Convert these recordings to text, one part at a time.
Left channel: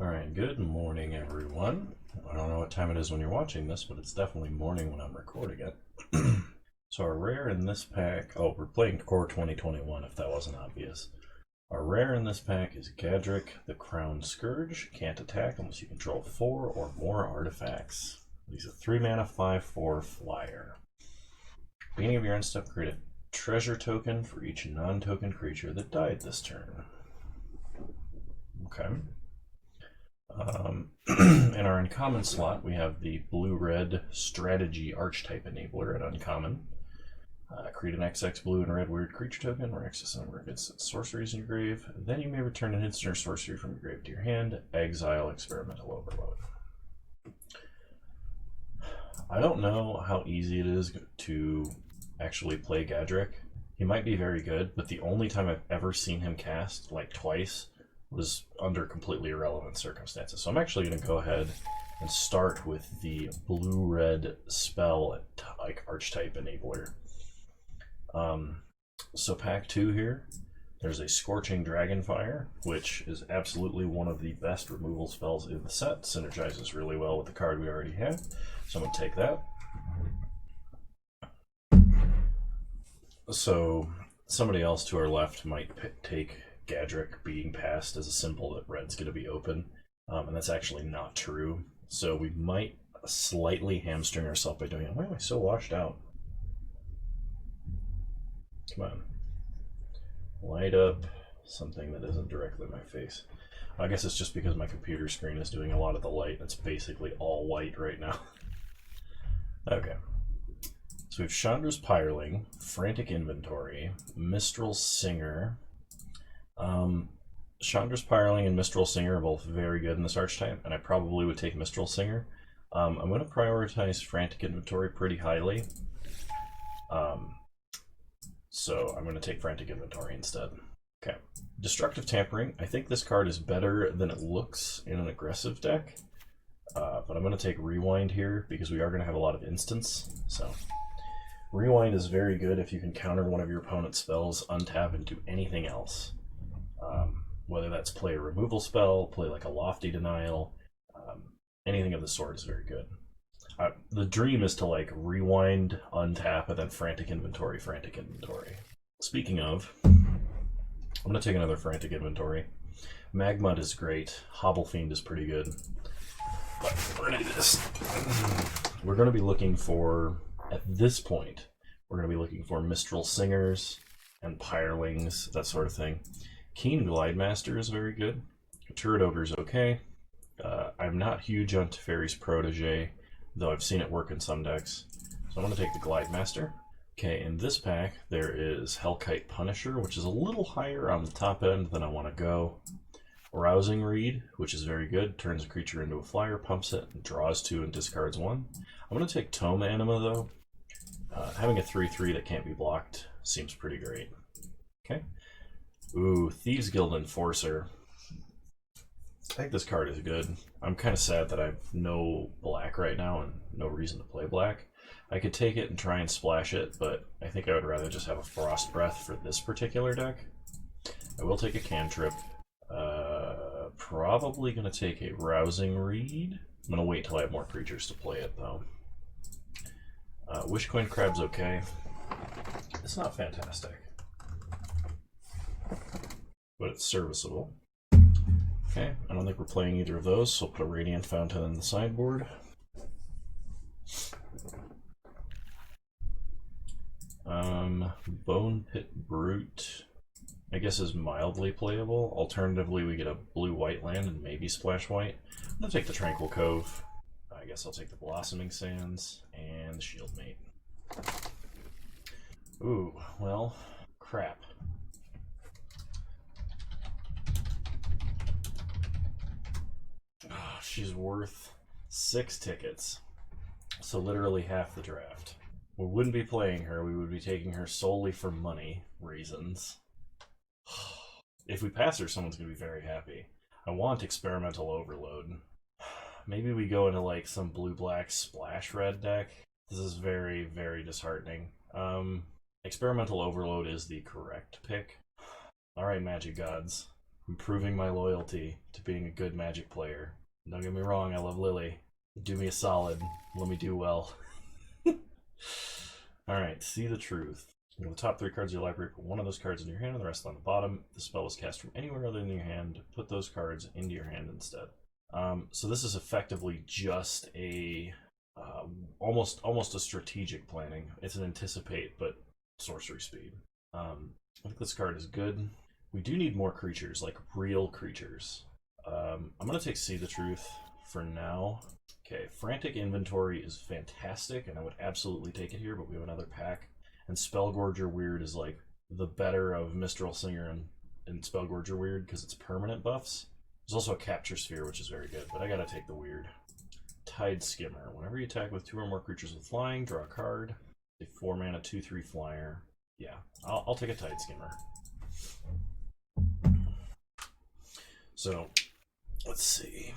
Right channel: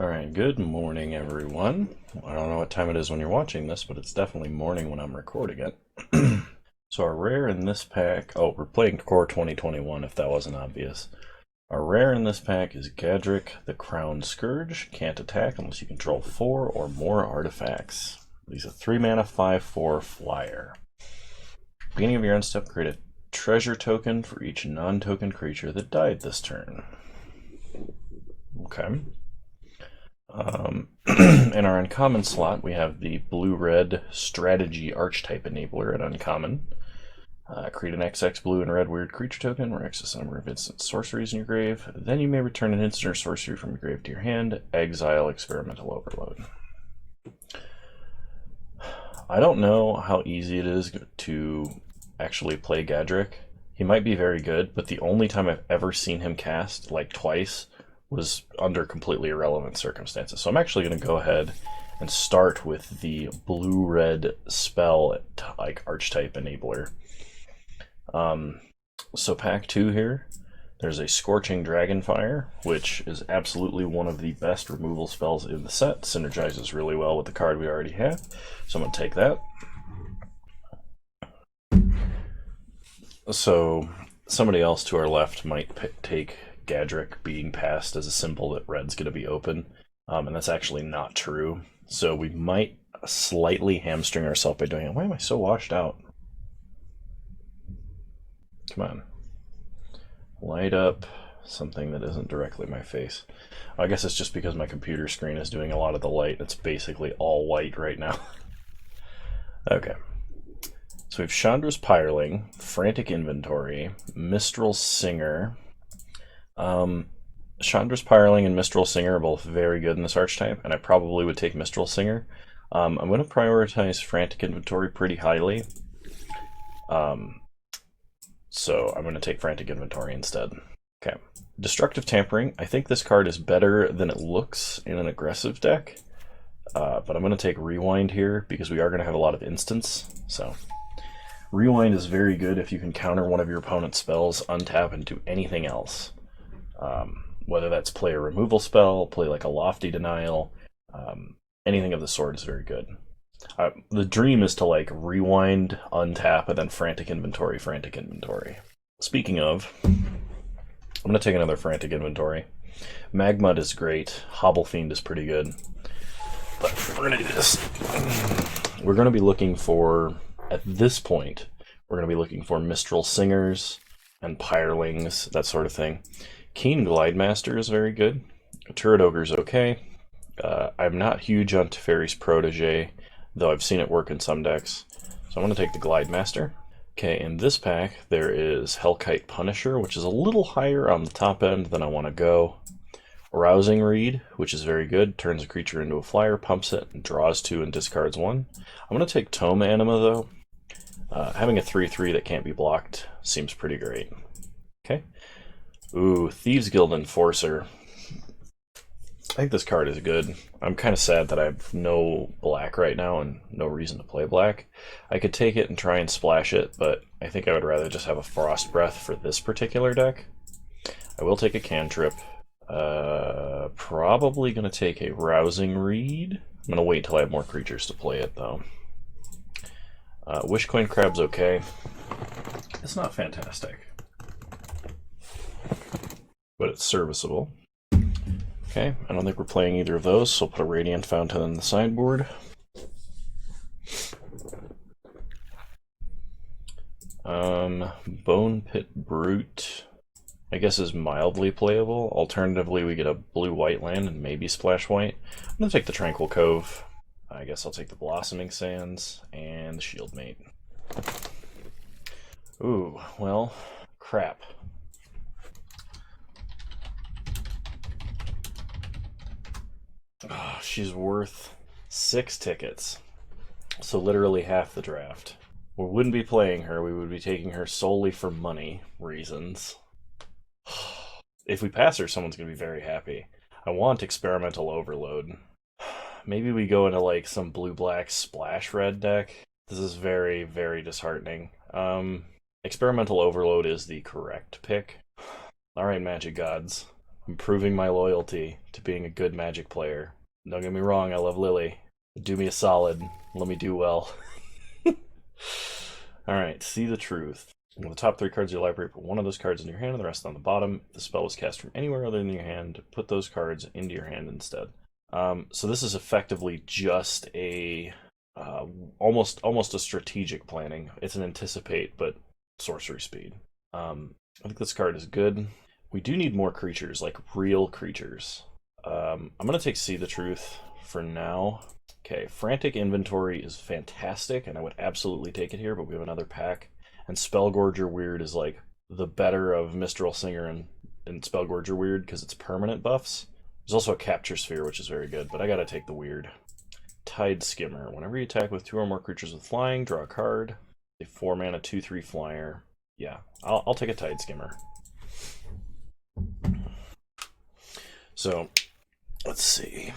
Alright, good morning everyone. I don't know what time it is when you're watching this, but it's definitely morning when I'm recording it. So our rare in this pack, oh, we're playing Core 2021 if that wasn't obvious. Our rare in this pack is Gadrick the Crowned Scourge. Can't attack unless you control 4 or more artifacts. He's a 3-mana 5/4 flyer. Beginning of your end step, create a treasure token for each non-token creature that died this turn. Okay. In our uncommon slot, we have the blue-red strategy archetype enabler at uncommon. Create an XX blue and red weird creature token where X is the number of instant sorceries in your grave. Then you may return an instant or sorcery from your grave to your hand. Exile experimental overload. I don't know how easy it is to actually play Gadrick. He might be very good, but the only time I've ever seen him cast, like twice, was under completely irrelevant circumstances. So I'm actually going to go ahead and start with the blue-red spell like archetype enabler. So pack 2 here, there's a Scorching Dragonfire, which is absolutely one of the best removal spells in the set. Synergizes really well with the card we already have. So I'm going to take that. So somebody else to our left might take Gadrick being passed as a symbol that red's going to be open, and that's actually not true. So we might slightly hamstring ourselves by doing it. Why am I so washed out? Come on. Light up something that isn't directly my face. I guess it's just because my computer screen is doing a lot of the light. It's basically all white right now. Okay. So we have Chandra's Pyreling, Frantic Inventory, Mistral Singer. Chandra's Pyreling and Mistral Singer are both very good in this archetype, and I probably would take Mistral Singer. I'm going to prioritize Frantic Inventory pretty highly. So I'm going to take Frantic Inventory instead. Okay. Destructive Tampering. I think this card is better than it looks in an aggressive deck. But I'm going to take Rewind here because we are going to have a lot of instants. So Rewind is very good if you can counter one of your opponent's spells, untap, and do anything else. Whether that's play a removal spell, play like a Lofty Denial, anything of the sort is very good. The dream is to like rewind, untap, and then frantic inventory. Speaking of, I'm going to take another frantic inventory. Magmud is great. Hobble Fiend is pretty good. But we're going to do this. We're going to be looking for, at this point, we're going to be looking for Mistral Singers and Pyrelings, that sort of thing. Keen Glidemaster is very good. Turret Ogre is okay. I'm not huge on Teferi's Protege, though I've seen it work in some decks. So I'm going to take the Glidemaster. Okay, in this pack, there is Hellkite Punisher, which is a little higher on the top end than I want to go. Rousing Reed, which is very good. Turns a creature into a flyer, pumps it, and draws 2 and discards 1. I'm going to take Tome Anima, though. Having a 3/3 that can't be blocked seems pretty great. Okay. Ooh, Thieves Guild Enforcer. I think this card is good. I'm kind of sad that I have no black right now and no reason to play black. I could take it and try and splash it, but I think I would rather just have a Frost Breath for this particular deck. I will take a cantrip. Probably going to take a Rousing Reed. I'm going to wait till I have more creatures to play it, though. Wishcoin Crab's okay. It's not fantastic, but it's serviceable. Okay, I don't think we're playing either of those, so I'll put a Radiant Fountain in the sideboard. Bone Pit Brute, I guess, is mildly playable. Alternatively, we get a blue-white land and maybe splash white. I'm going to take the Tranquil Cove. I guess I'll take the Blossoming Sands and Shieldmate. Ooh, well, crap. Oh, she's worth 6 tickets. So literally half the draft. We wouldn't be playing her, we would be taking her solely for money reasons. If we pass her, someone's going to be very happy. I want Experimental Overload. Maybe we go into like some blue-black splash red deck. This is very, very disheartening. Experimental Overload is the correct pick. Alright, Magic Gods. I'm proving my loyalty to being a good Magic player. Don't get me wrong, I love Lily. Do me a solid. Let me do well. Alright, see the truth. With the top 3 cards of your library, put one of those cards in your hand and the rest on the bottom. If the spell was cast from anywhere other than your hand, put those cards into your hand instead. So this is effectively just a almost a strategic planning. It's an anticipate, but sorcery speed. I think this card is good. We do need more creatures, like real creatures. I'm going to take See the Truth for now. Okay, Frantic Inventory is fantastic, and I would absolutely take it here, but we have another pack. And Spellgorger Weird is like the better of Mistral Singer and Spellgorger Weird because it's permanent buffs. There's also a Capture Sphere, which is very good, but I gotta take the Weird. Tide Skimmer. Whenever you attack with 2 or more creatures with flying, draw a card. A 4-mana 2/3 flyer. Yeah, I'll take a Tide Skimmer. So, let's see.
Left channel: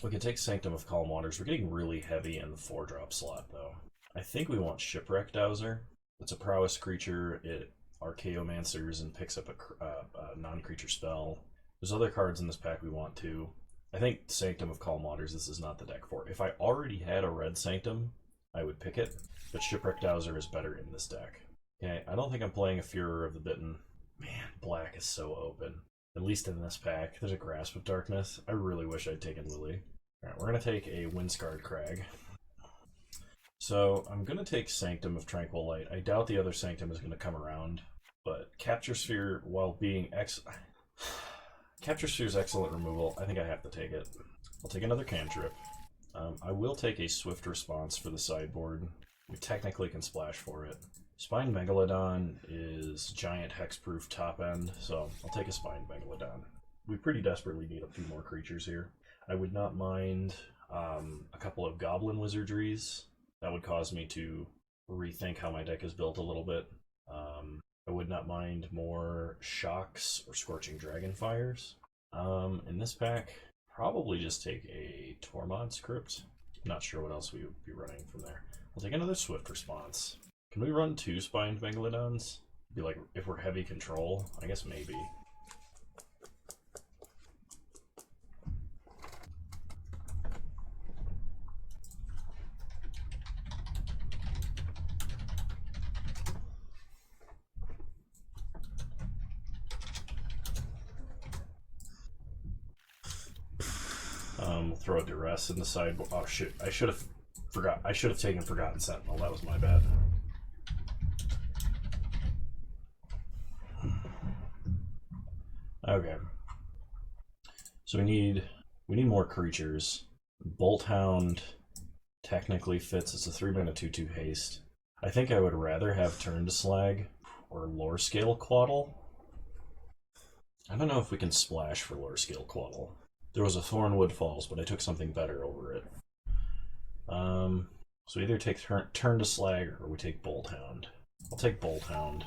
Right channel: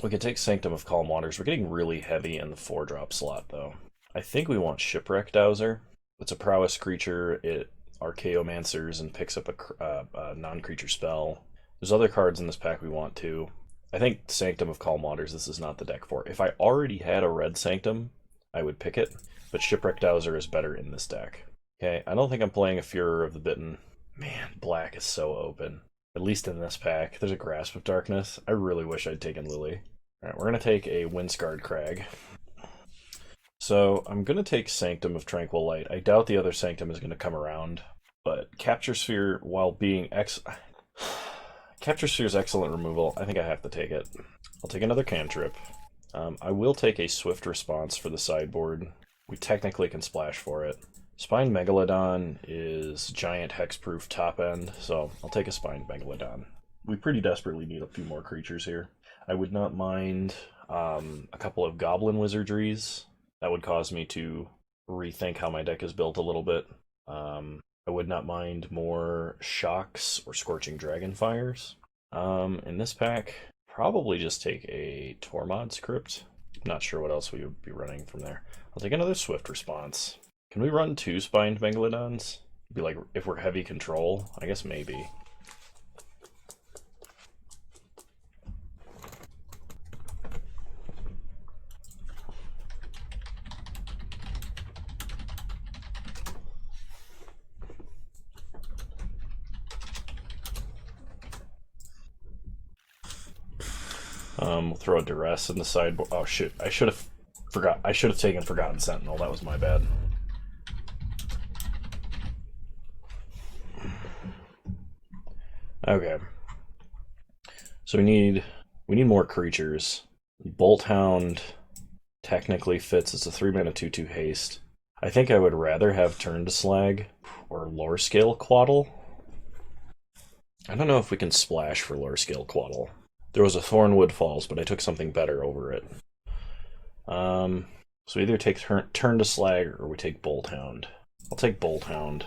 We can take Sanctum of Calm Waters. We're getting really heavy in the 4-drop slot, though. I think we want Shipwreck Dowser. It's a prowess creature. It Archaeomancers and picks up a non-creature spell. There's other cards in this pack we want too. I think Sanctum of Calm Waters, this is not the deck for. If I already had a red Sanctum, I would pick it, but Shipwreck Dowser is better in this deck. Okay, I don't think I'm playing a Furor of the Bitten. Man, black is so open. At least in this pack. There's a Grasp of Darkness. I really wish I'd taken Lily. Alright, we're going to take a Windscarred Crag. So, I'm going to take Sanctum of Tranquil Light. I doubt the other Sanctum is going to come around, but Capture Sphere, while being Capture Sphere's excellent removal, I think I have to take it. I'll take another Cantrip. I will take a Swift Response for the sideboard. We technically can splash for it. Spined Megalodon is giant hexproof top end, so I'll take a Spined Megalodon. We pretty desperately need a few more creatures here. I would not mind a couple of Goblin Wizardries. That would cause me to rethink how my deck is built a little bit. I would not mind more Shocks or Scorching Dragonfires. In this pack, probably just take a Tormod's Crypt. Not sure what else we would be running from there. I'll take another Swift Response. Can we run 2 Spined Megalodons? Be like, if we're heavy control? I guess maybe. We'll throw a Duress in the sideboard. Oh shit, I should have taken Forgotten Sentinel. That was my bad. Okay. So we need more creatures. Bolt Hound technically fits. It's a 3-mana 2/2 haste. I think I would rather have Turn to Slag or Lore Scale Quaddle. I don't know if we can splash for Lore Scale Quaddle. There was a Thornwood Falls, but I took something better over it. So we either take Turn to Slag or we take Bolt Hound. I'll take Bolt Hound.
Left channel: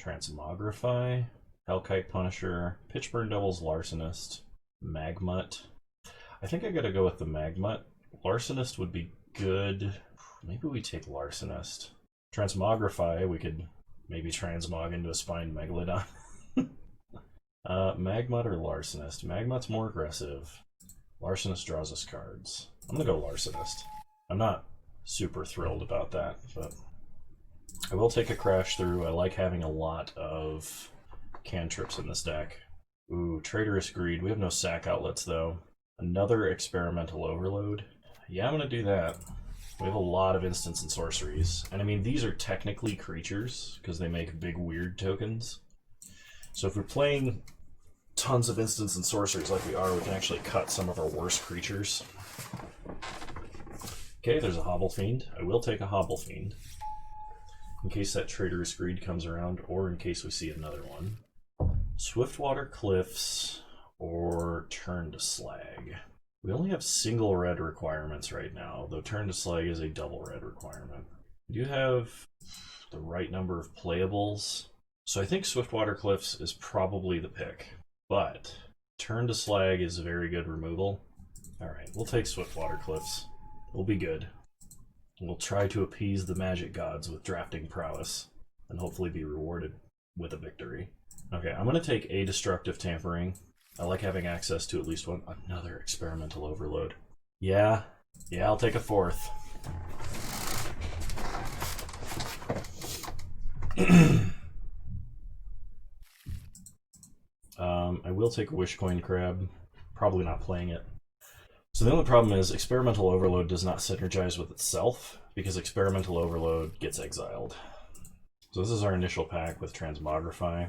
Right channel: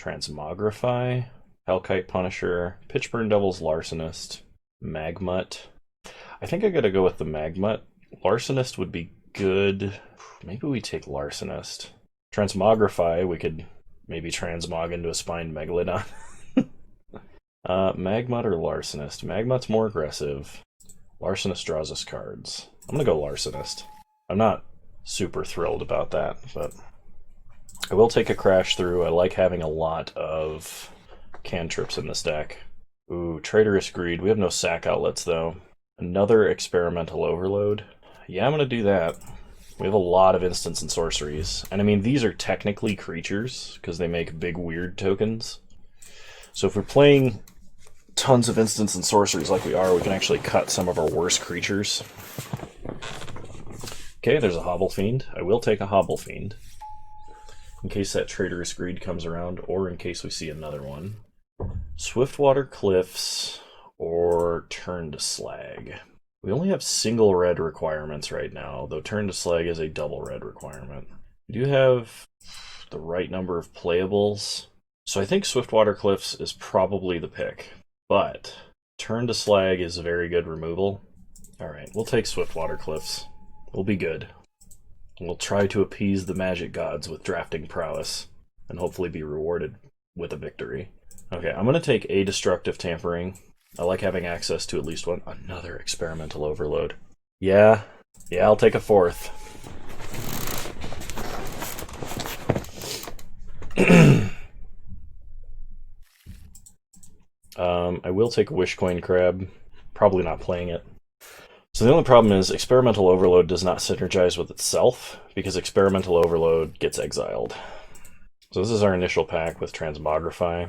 Transmogrify, Hellkite Punisher, Pitchburn Devil's Larcenist, Magmut. I think I gotta go with the Magmut. Larcenist would be good. Maybe we take Larcenist. Transmogrify, we could maybe transmog into a Spined Megalodon. Magmut or Larcenist? Magmut's more aggressive. Larcenist draws us cards. I'm gonna go Larcenist. I'm not super thrilled about that, but I will take a Crash Through. I like having a lot of cantrips in this deck. Ooh, Traitorous Greed. We have no sack outlets, though. Another Experimental Overload. Yeah, I'm gonna do that. We have a lot of instants and sorceries. And I mean, these are technically creatures, because they make big weird tokens. So if we're playing tons of instants and sorceries like we are, we can actually cut some of our worst creatures. Okay, there's a Hobble Fiend. I will take a Hobble Fiend, in case that Traitorous Greed comes around, or in case we see another one. Swiftwater Cliffs, or Turn to Slag. We only have single red requirements right now, though Turn to Slag is a double red requirement. We do have the right number of playables, so I think Swiftwater Cliffs is probably the pick, but Turn to Slag is a very good removal. Alright, we'll take Swiftwater Cliffs. We'll be good. We'll try to appease the magic gods with drafting prowess, and hopefully be rewarded with a victory. Okay, I'm going to take a destructive tampering. I like having access to at least one. Another experimental overload. Yeah, I'll take a fourth. I will take a Wishcoin Crab. Probably not playing it. So the only problem is experimental overload does not synergize with itself because experimental overload gets exiled. So this is our initial pack with Transmogrify.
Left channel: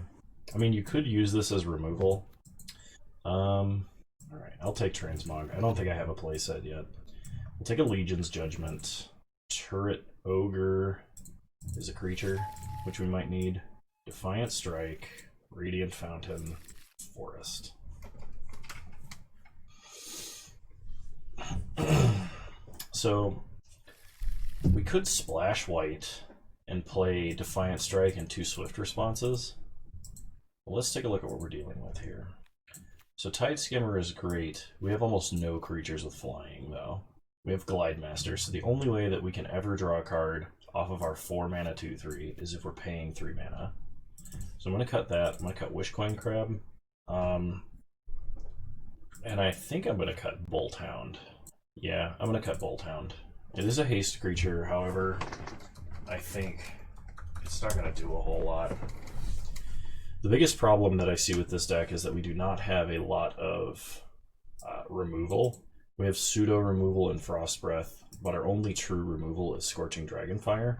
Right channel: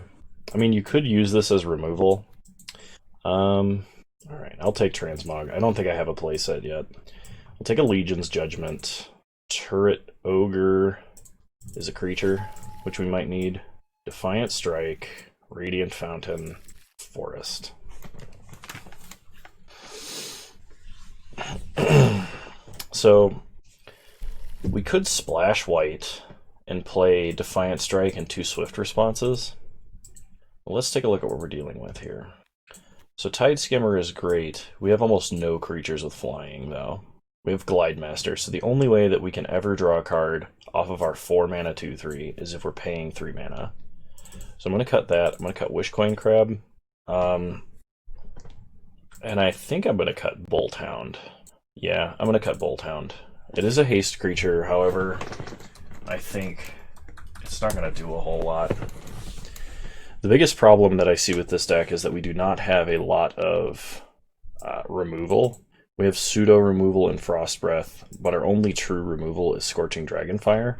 I mean, you could use this as removal. Alright, I'll take Transmog. I don't think I have a playset yet. I'll take a Legion's Judgment. Turret Ogre is a creature, which we might need. Defiant Strike, Radiant Fountain, Forest. So, we could splash white and play Defiant Strike and 2 Swift responses. Well, let's take a look at what we're dealing with here. So Tide Skimmer is great. We have almost no creatures with flying, though. We have Glide Master, so the only way that we can ever draw a card off of our 4 mana 2/3 is if we're paying 3 mana. So I'm going to cut that. I'm going to cut Wishcoin Crab. And I think I'm going to cut Bolt Hound. Yeah, I'm going to cut Bolt Hound. It is a haste creature, however, I think it's not going to do a whole lot. The biggest problem that I see with this deck is that we do not have a lot of removal. We have pseudo removal and Frost Breath, but our only true removal is Scorching Dragonfire.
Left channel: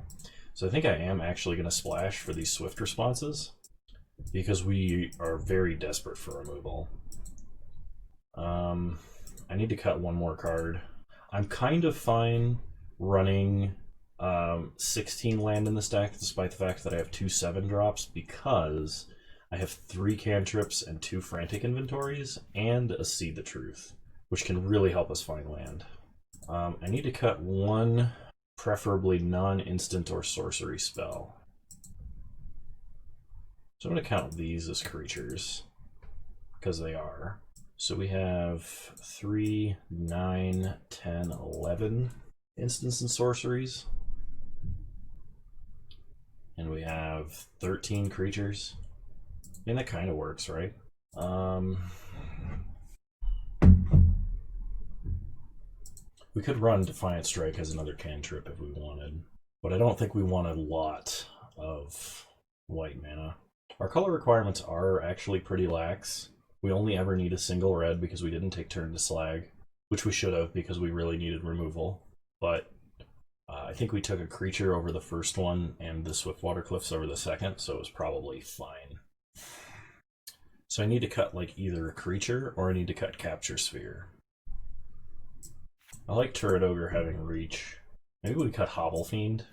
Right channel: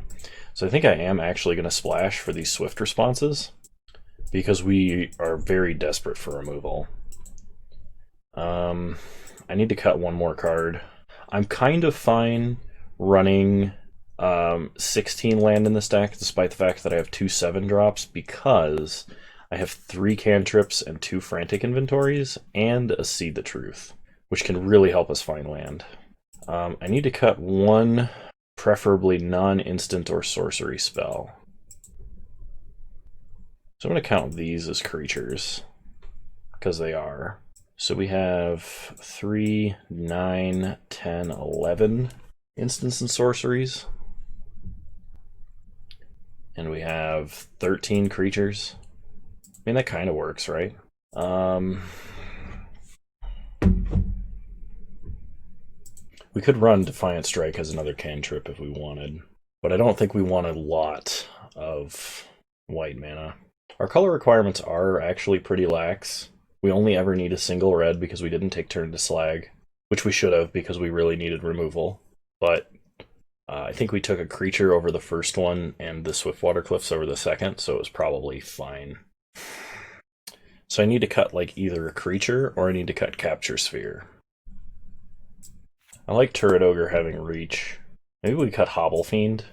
So I think I am actually going to splash for these Swift responses because we are very desperate for removal. I need to cut one more card. I'm kind of fine running 16 land in this deck, despite the fact that I have 2 7-drops, because I have 3 cantrips and 2 frantic inventories, and a See the Truth, which can really help us find land. I need to cut one, preferably non-instant or sorcery spell. So I'm going to count these as creatures, because they are. So we have 3, 9, 10, 11 instants and sorceries. And we have 13 creatures. I mean, that kind of works, right? We could run Defiant Strike as another cantrip if we wanted, but I don't think we want a lot of white mana. Our color requirements are actually pretty lax. We only ever need a single red because we didn't take turn to slag, which we should have because we really needed removal. But I think we took a creature over the first one and the Swiftwater Cliffs over the second, so it was probably fine. So I need to cut like either a creature or I need to cut Capture Sphere. I like Turret Ogre having reach. Maybe we cut Hobble Fiend.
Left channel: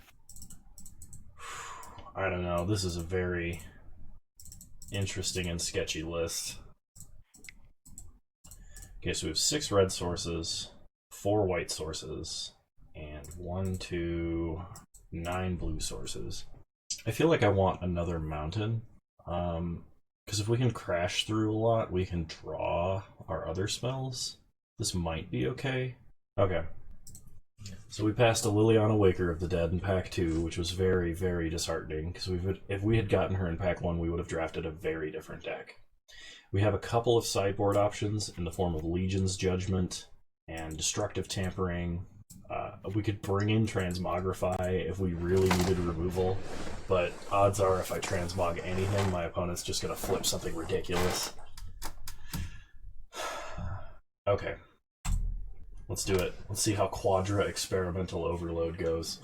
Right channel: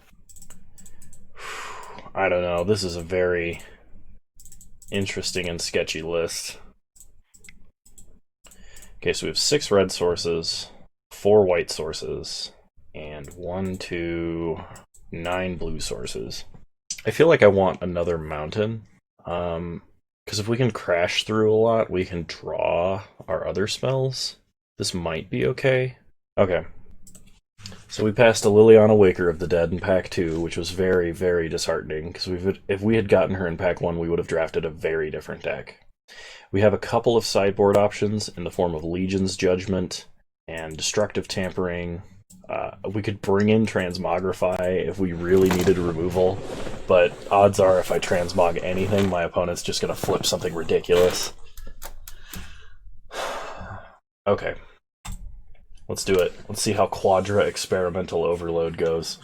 I don't know, this is a very interesting and sketchy list. Okay, so we have 6 red sources, 4 white sources, and 1, 2, 9 blue sources. I feel like I want another mountain, because if we can crash through a lot, we can draw our other spells. This might be okay. Okay. So we passed a Liliana Waker of the Dead in Pack 2, which was very, very disheartening, because if we had gotten her in Pack 1, we would have drafted a very different deck. We have a couple of sideboard options in the form of Legion's Judgment and Destructive Tampering. We could bring in Transmogrify if we really needed removal, but odds are if I transmog anything, my opponent's just going to flip something ridiculous. Okay. Let's do it. Let's see how Quadra Experimental Overload goes.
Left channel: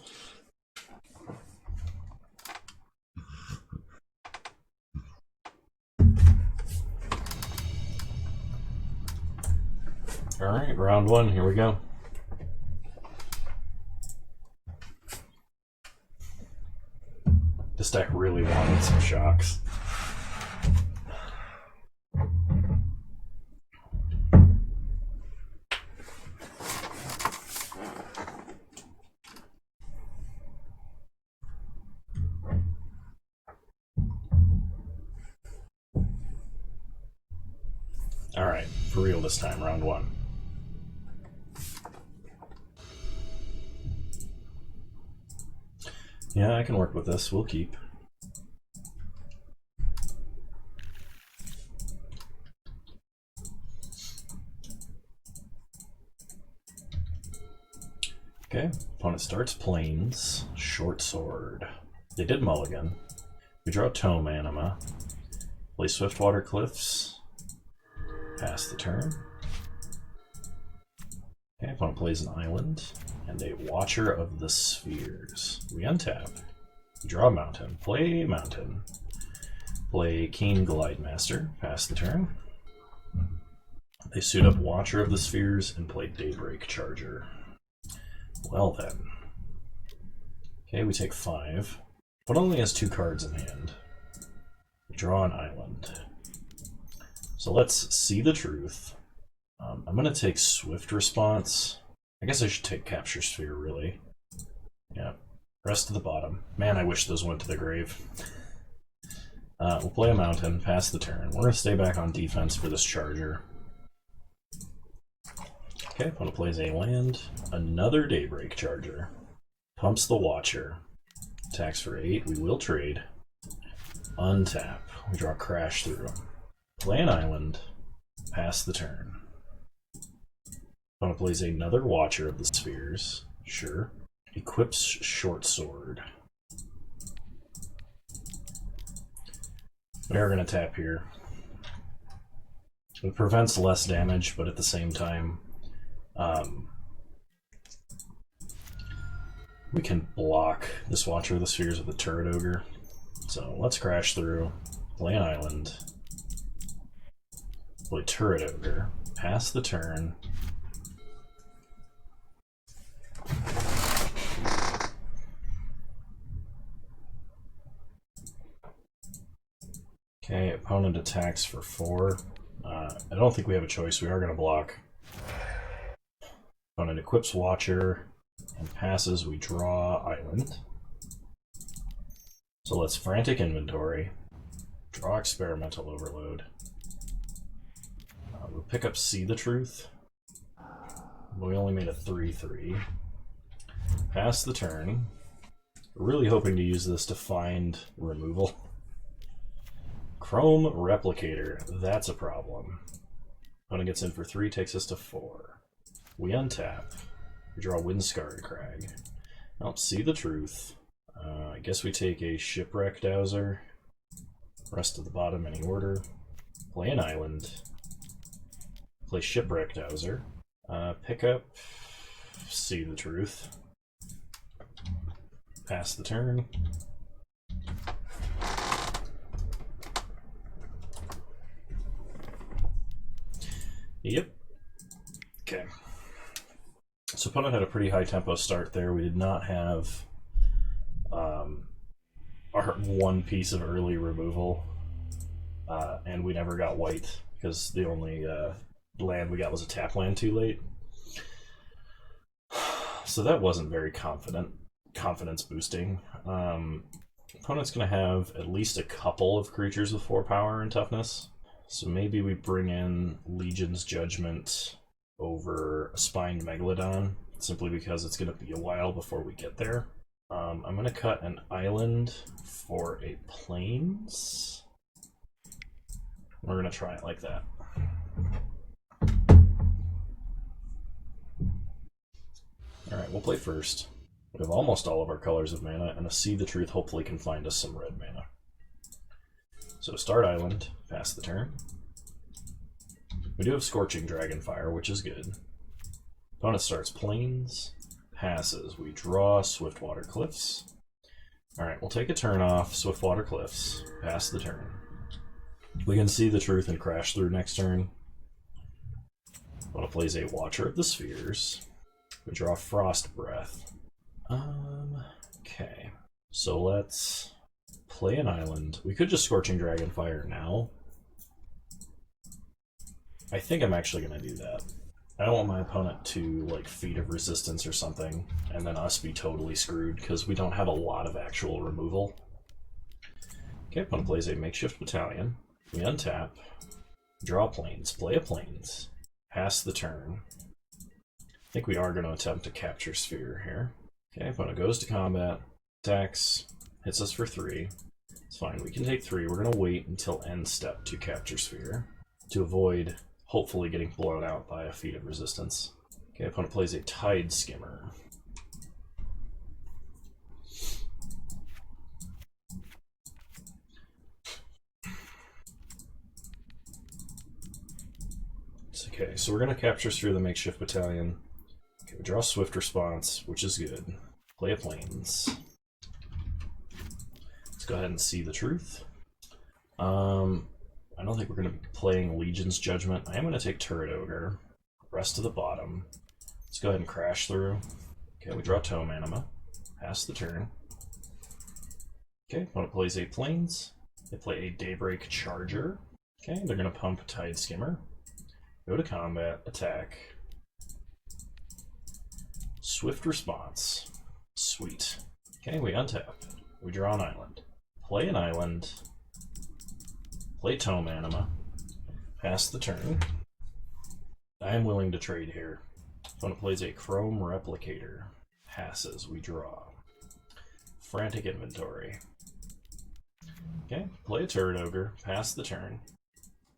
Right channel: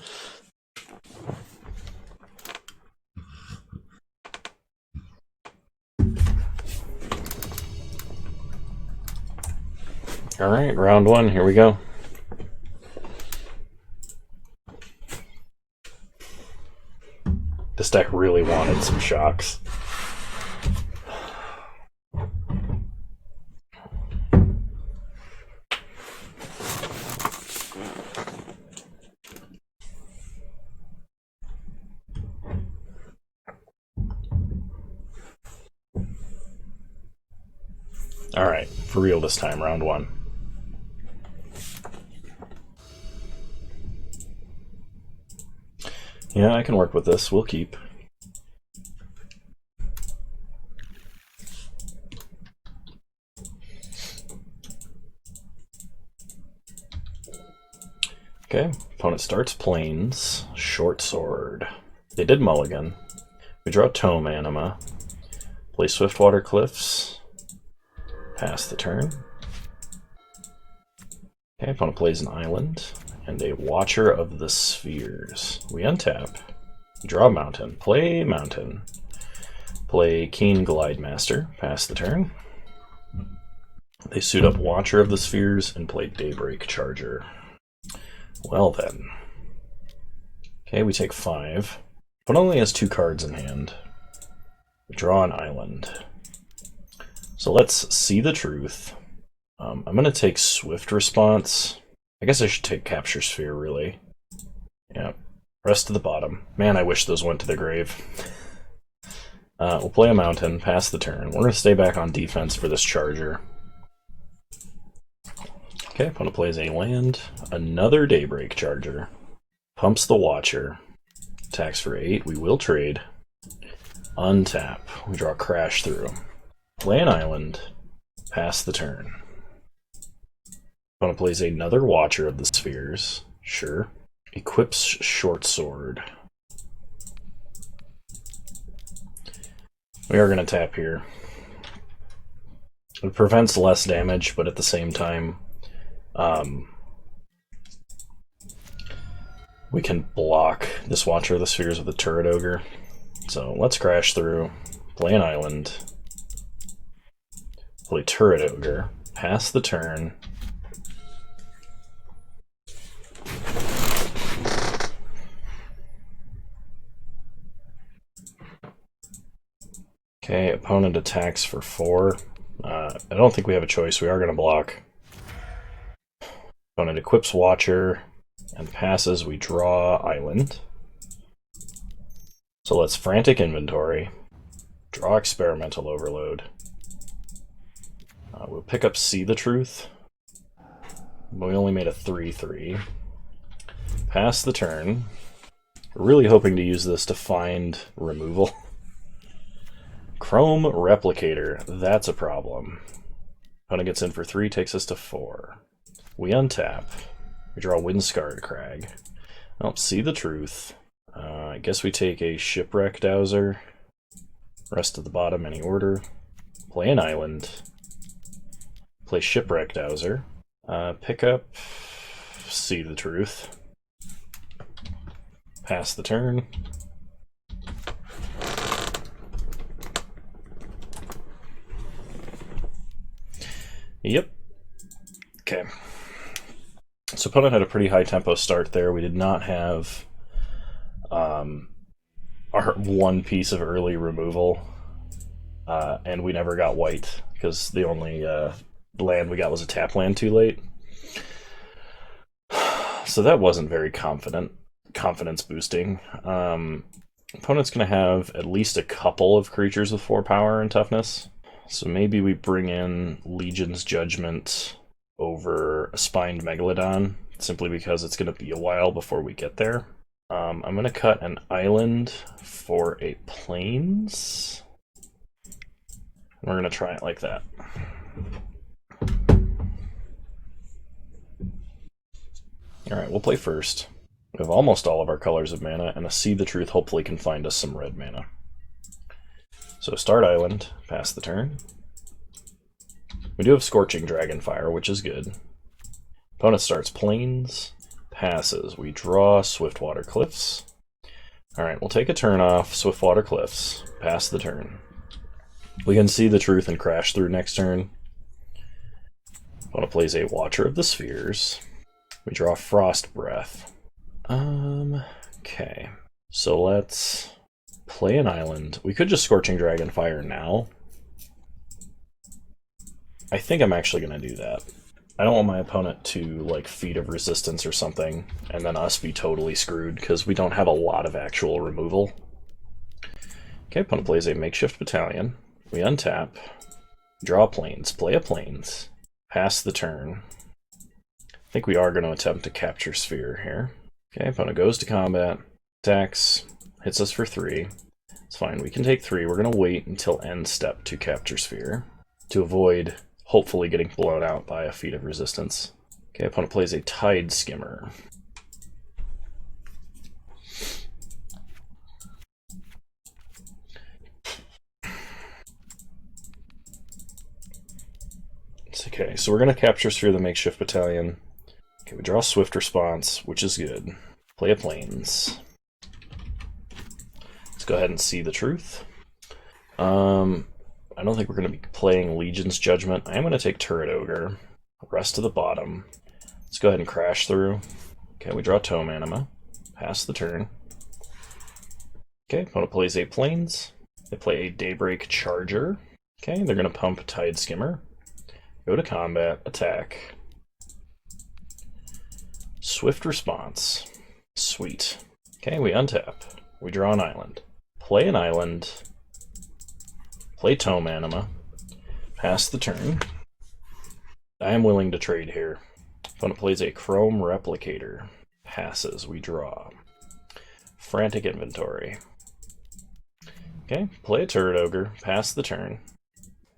Alright, round 1, here we go. This deck really wanted some shocks. Alright, for real this time, round 1. Yeah, I can work with this. We'll keep. Okay, opponent starts plains, short sword. They did mulligan. We draw Tome Anima, play Swiftwater Cliffs, pass the turn. Okay, opponent plays an island and a Watcher of the Spheres. We untap, draw mountain, play Keen Glidemaster, pass the turn. They suit up Watcher of the Spheres and play Daybreak Charger. Well then. Okay, we take 5. But only has 2 cards in hand. We draw an island. So let's see the truth. I'm going to take Swift Response. I guess I should take Capture Sphere, really. Yeah. Rest to the bottom. Man, I wish those went to the grave. We'll play a mountain, pass the turn. We're going to stay back on defense for this Charger. Okay, opponent plays a land, another Daybreak Charger, pumps the Watcher, attacks for 8, we will trade, untap, we draw Crash Through, play an island, pass the turn. Opponent plays another Watcher of the Spheres, sure, equips Short Sword. We are going to tap here. It prevents less damage, but at the same time, we can block this Watcher of the Spheres with a Turret Ogre. So let's Crash Through, play an island, play Turret Ogre, pass the turn. Okay, opponent attacks for 4. I don't think we have a choice. We are going to block. Opponent equips Watcher and passes. We draw Island. So let's Frantic Inventory, draw Experimental Overload. We'll pick up See the Truth, but we only made a 3/3. Pass the turn. We're really hoping to use this to find removal. Chrome Replicator, that's a problem. Opponent gets in for 3, takes us to 4. We untap. We draw Windscarred Crag. Well, See the Truth. I guess we take a Shipwreck Dowser. Rest at the bottom, any order. Play an island. Play Shipwreck Dowser. Pick up See the Truth. Pass the turn. Yep. Okay. So opponent had a pretty high tempo start there. We did not have our one piece of early removal, and we never got white because the only land we got was a tap land too late. So that wasn't very confidence boosting. Opponent's going to have at least a couple of creatures with 4 power and toughness. So maybe we bring in Legion's Judgment over a Spined Megalodon, simply because it's going to be a while before we get there. I'm going to cut an island for a plains. We're going to try it like that. Alright, we'll play first. We have almost all of our colors of mana, and a See the Truth hopefully can find us some red mana. So start island, pass the turn. We do have Scorching Dragonfire, which is good. Opponent starts plains, passes. We draw Swiftwater Cliffs. Alright, we'll take a turn off Swiftwater Cliffs, pass the turn. We can See the Truth and Crash Through next turn. Opponent plays a Watcher of the Spheres. We draw Frost Breath. Okay. So let's play an island. We could just Scorching Dragonfire now. I think I'm actually going to do that. I don't want my opponent to, like, Feat of Resistance or something, and then us be totally screwed, because we don't have a lot of actual removal. Okay, opponent plays a Makeshift Battalion. We untap. Draw plains. Play a plains. Pass the turn. I think we are going to attempt to Capture Sphere here. Okay, opponent goes to combat. Attacks. Hits us for 3. It's fine, we can take 3. We're going to wait until end step to Capture Sphere to avoid hopefully getting blown out by a Feat of Resistance. Okay, opponent plays a Tide Skimmer. Okay, so we're going to capture Sphere the Makeshift Battalion. Okay, we draw a Swift Response, which is good. Play a Plains. Let's go ahead and see the truth. I don't think we're going to be playing Legion's Judgment. I am going to take Turret Ogre. Rest to the bottom. Let's go ahead and crash through. Okay, we draw Tome Anima. Pass the turn. Okay, opponent plays a Plains. They play a Daybreak Charger. Okay, they're going to pump Tide Skimmer. Go to combat, attack. Swift Response. Sweet. Okay, we untap. We draw an island. Play an island. Play Tome Anima. Pass the turn. I am willing to trade here. Opponent plays a Chrome Replicator. Passes, we draw. Frantic Inventory. Okay, play a Turret Ogre. Pass the turn.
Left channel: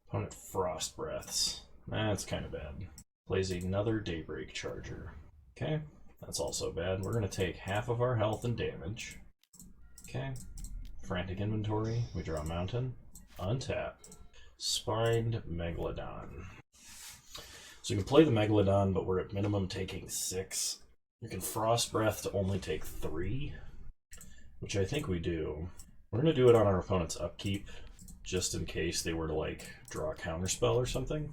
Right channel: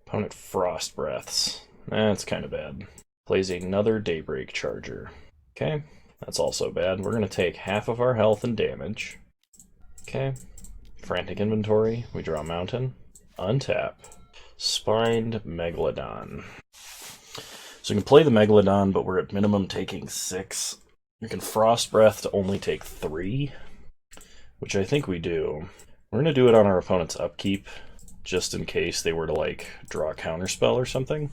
Opponent Frost Breaths. That's kind of bad. Plays another Daybreak Charger. Okay, that's also bad. We're going to take half of our health and damage. Okay, Frantic Inventory. We draw a mountain. Untap. Spined Megalodon. So we can play the Megalodon, but we're at minimum taking 6. We can Frost Breath to only take 3, which I think we do. We're going to do it on our opponent's upkeep, just in case they were to, like, draw a counterspell or something.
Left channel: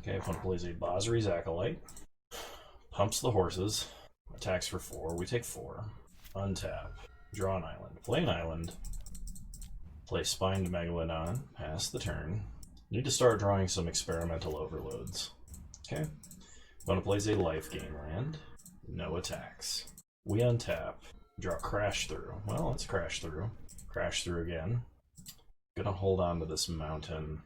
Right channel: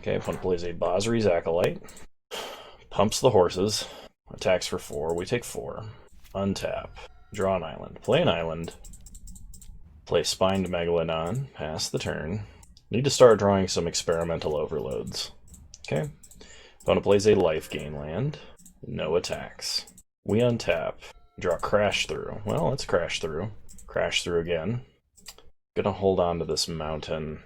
Okay, opponent plays a Basri's Acolyte. Pumps the horses. Attacks for 4. We take 4. Untap. Draw an island. Play an island. Play Spined Megalodon. Pass the turn. Need to start drawing some experimental overloads. Okay. Opponent plays a life gain land. No attacks. We untap. Draw Crash Through. Well, let's Crash Through. Crash Through again. Gonna hold on to this mountain.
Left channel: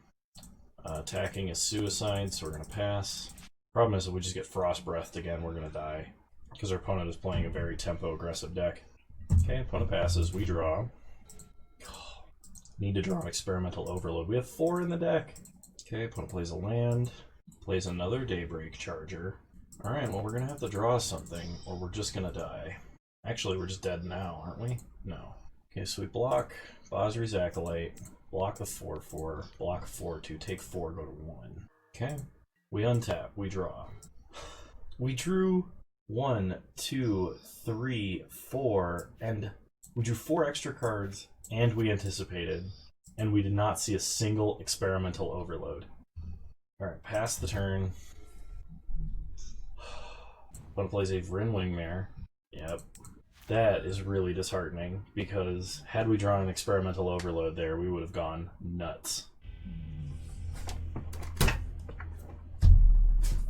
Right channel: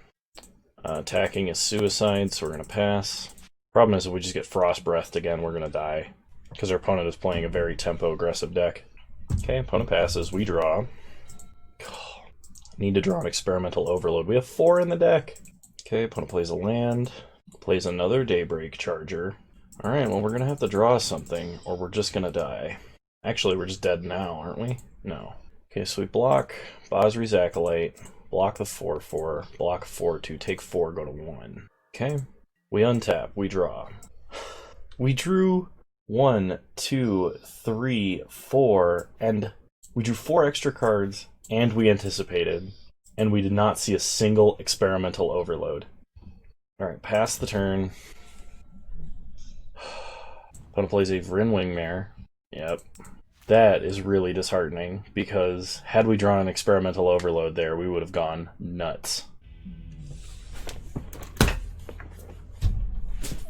Attacking is suicide, so we're gonna pass. Problem is, if we just get Frost Breathed again, we're gonna die. Because our opponent is playing a very tempo-aggressive deck. Okay, opponent passes. We draw. Need to draw an experimental overload. We have 4 in the deck. Okay, opponent plays a land. Plays another Daybreak Charger. Alright, well, we're going to have to draw something, or we're just going to die. Actually, we're just dead now, aren't we? No. Okay, so we block Basri's Acolyte, block the 4/4, block 4/2, take 4, go to 1. Okay, we untap, we draw. We drew 1, 2, 3, 4, and we drew 4 extra cards, and we anticipated, and we did not see a single experimental overload. Alright, pass the turn. Opponent plays a Vryn Wingmare. Yep. That is really disheartening, because had we drawn an experimental overload there, we would have gone nuts.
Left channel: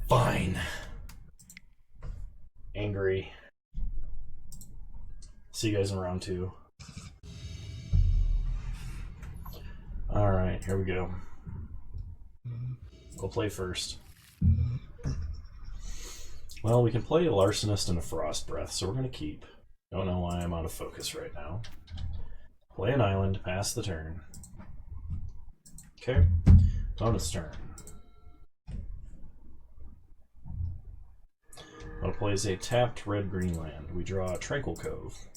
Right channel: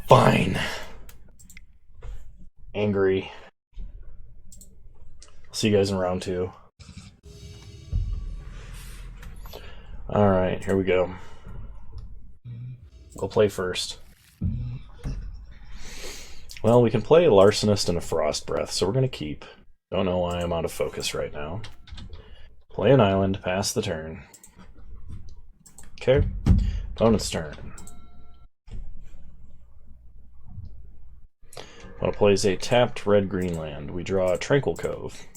Fine. Angry. See you guys in round 2. Alright, here we go. We'll play first. Well, we can play a Larcenist and a Frost Breath, so we're going to keep. Don't know why I'm out of focus right now. Play an island, pass the turn. Okay, opponent's turn. Opponent plays a tapped red-green land. We draw a Tranquil Cove.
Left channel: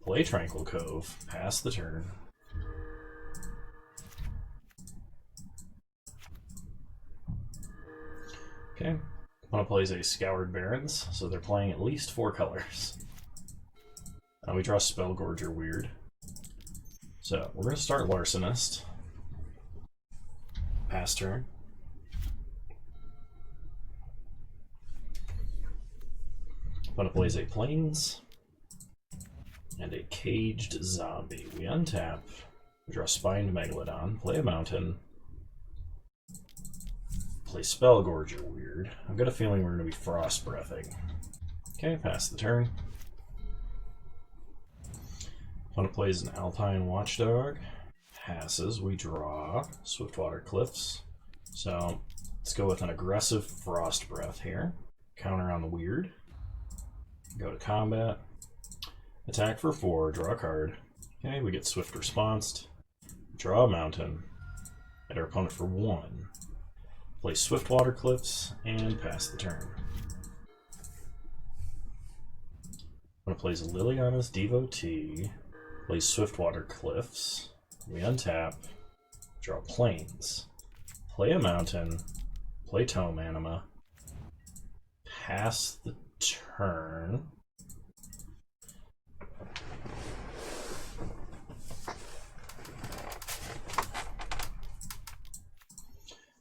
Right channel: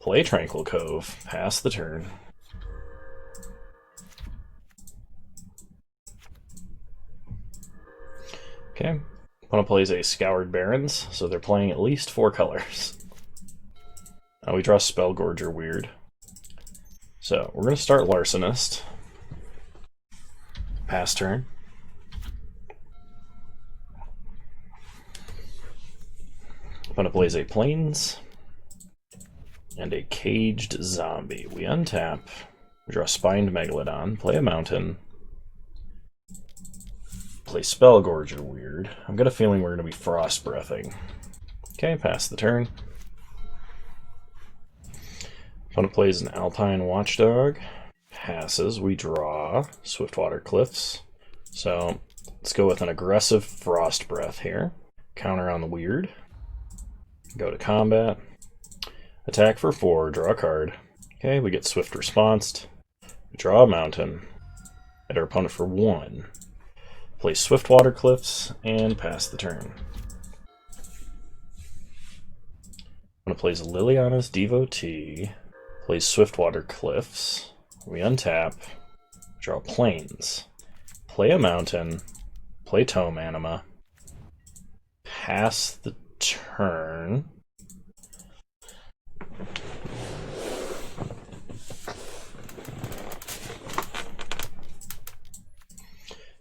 Play Tranquil Cove, pass the turn. Okay, opponent plays a Scoured Barrens, so they're playing at least 4 colors. We draw Spellgorger, weird. So, we're going to start Larcenist. Pass turn. Opponent plays a Plains and a Caged Zombie. We untap. We draw Spined Megalodon. Play a Mountain. Play Spellgorger, weird. I've got a feeling we're going to be Frost Breathing. Okay, pass the turn. Opponent plays an Alpine Watchdog. Passes. We draw Swiftwater Cliffs. So let's go with an aggressive Frost Breath here. Counter on the weird. Go to combat. Attack for 4. Draw a card. Okay, we get Swift Responsed. We draw a mountain. Hit our opponent for 1. Play Swiftwater Cliffs and pass the turn. Opponent plays Liliana's Devotee. Plays Swiftwater Cliffs. We untap. Draw Plains. Play a mountain. Play Tome Anima. Pass the turn.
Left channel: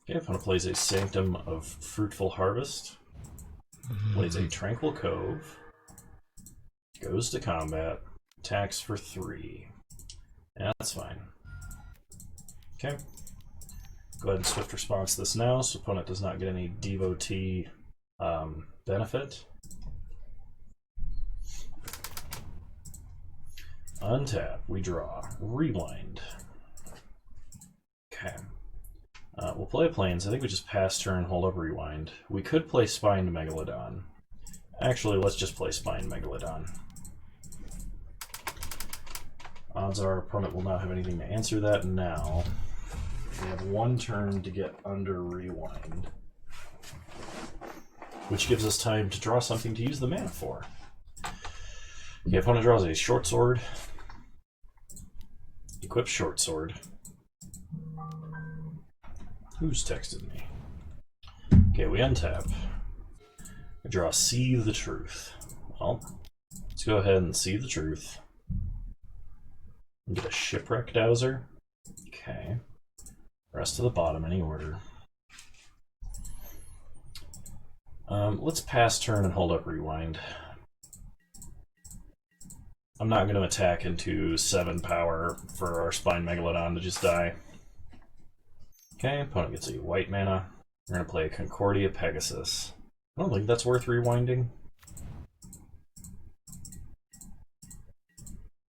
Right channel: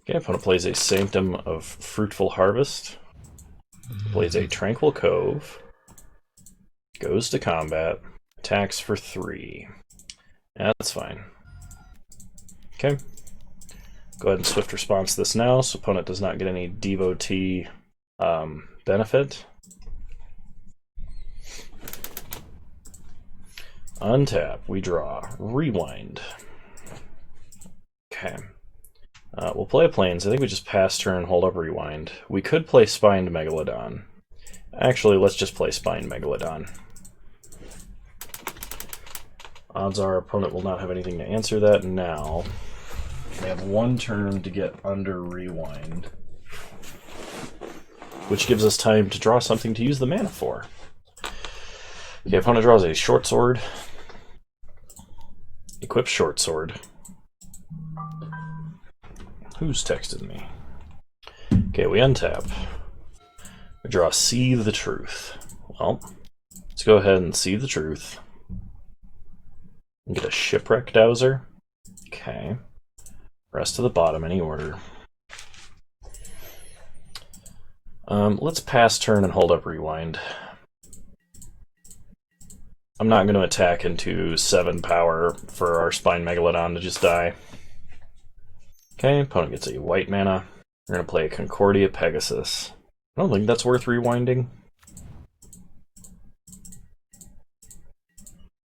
Okay, opponent plays a Sanctum of Fruitful Harvest. Plays a Tranquil Cove. Goes to combat. Attacks for 3. Yeah, that's fine. Okay. Go ahead and swift response this now, so opponent does not get any devotee benefit. Untap, we draw. Rewind. Okay. We'll play a Plains. I think we just pass turn, hold up, rewind. We could play Spined Megalodon. Actually, let's just play Spined Megalodon. Odds are opponent will not have anything to answer that now. We have 1 turn to get under rewind, which gives us time to draw something to use the mana for. Okay, opponent draws a short sword. Equip short sword. Who's texted me? Okay, we untap. We draw See the Truth. Well, let's go ahead and See the Truth. And get a Shipwreck Dowser. Okay. Rest to the bottom, any order. Let's pass turn and hold up rewind. I'm not going to attack into 7 power for our Spine Megalodon to just die. Okay, opponent gets a white mana. We're going to play Concordia Pegasus. I don't think that's worth rewinding.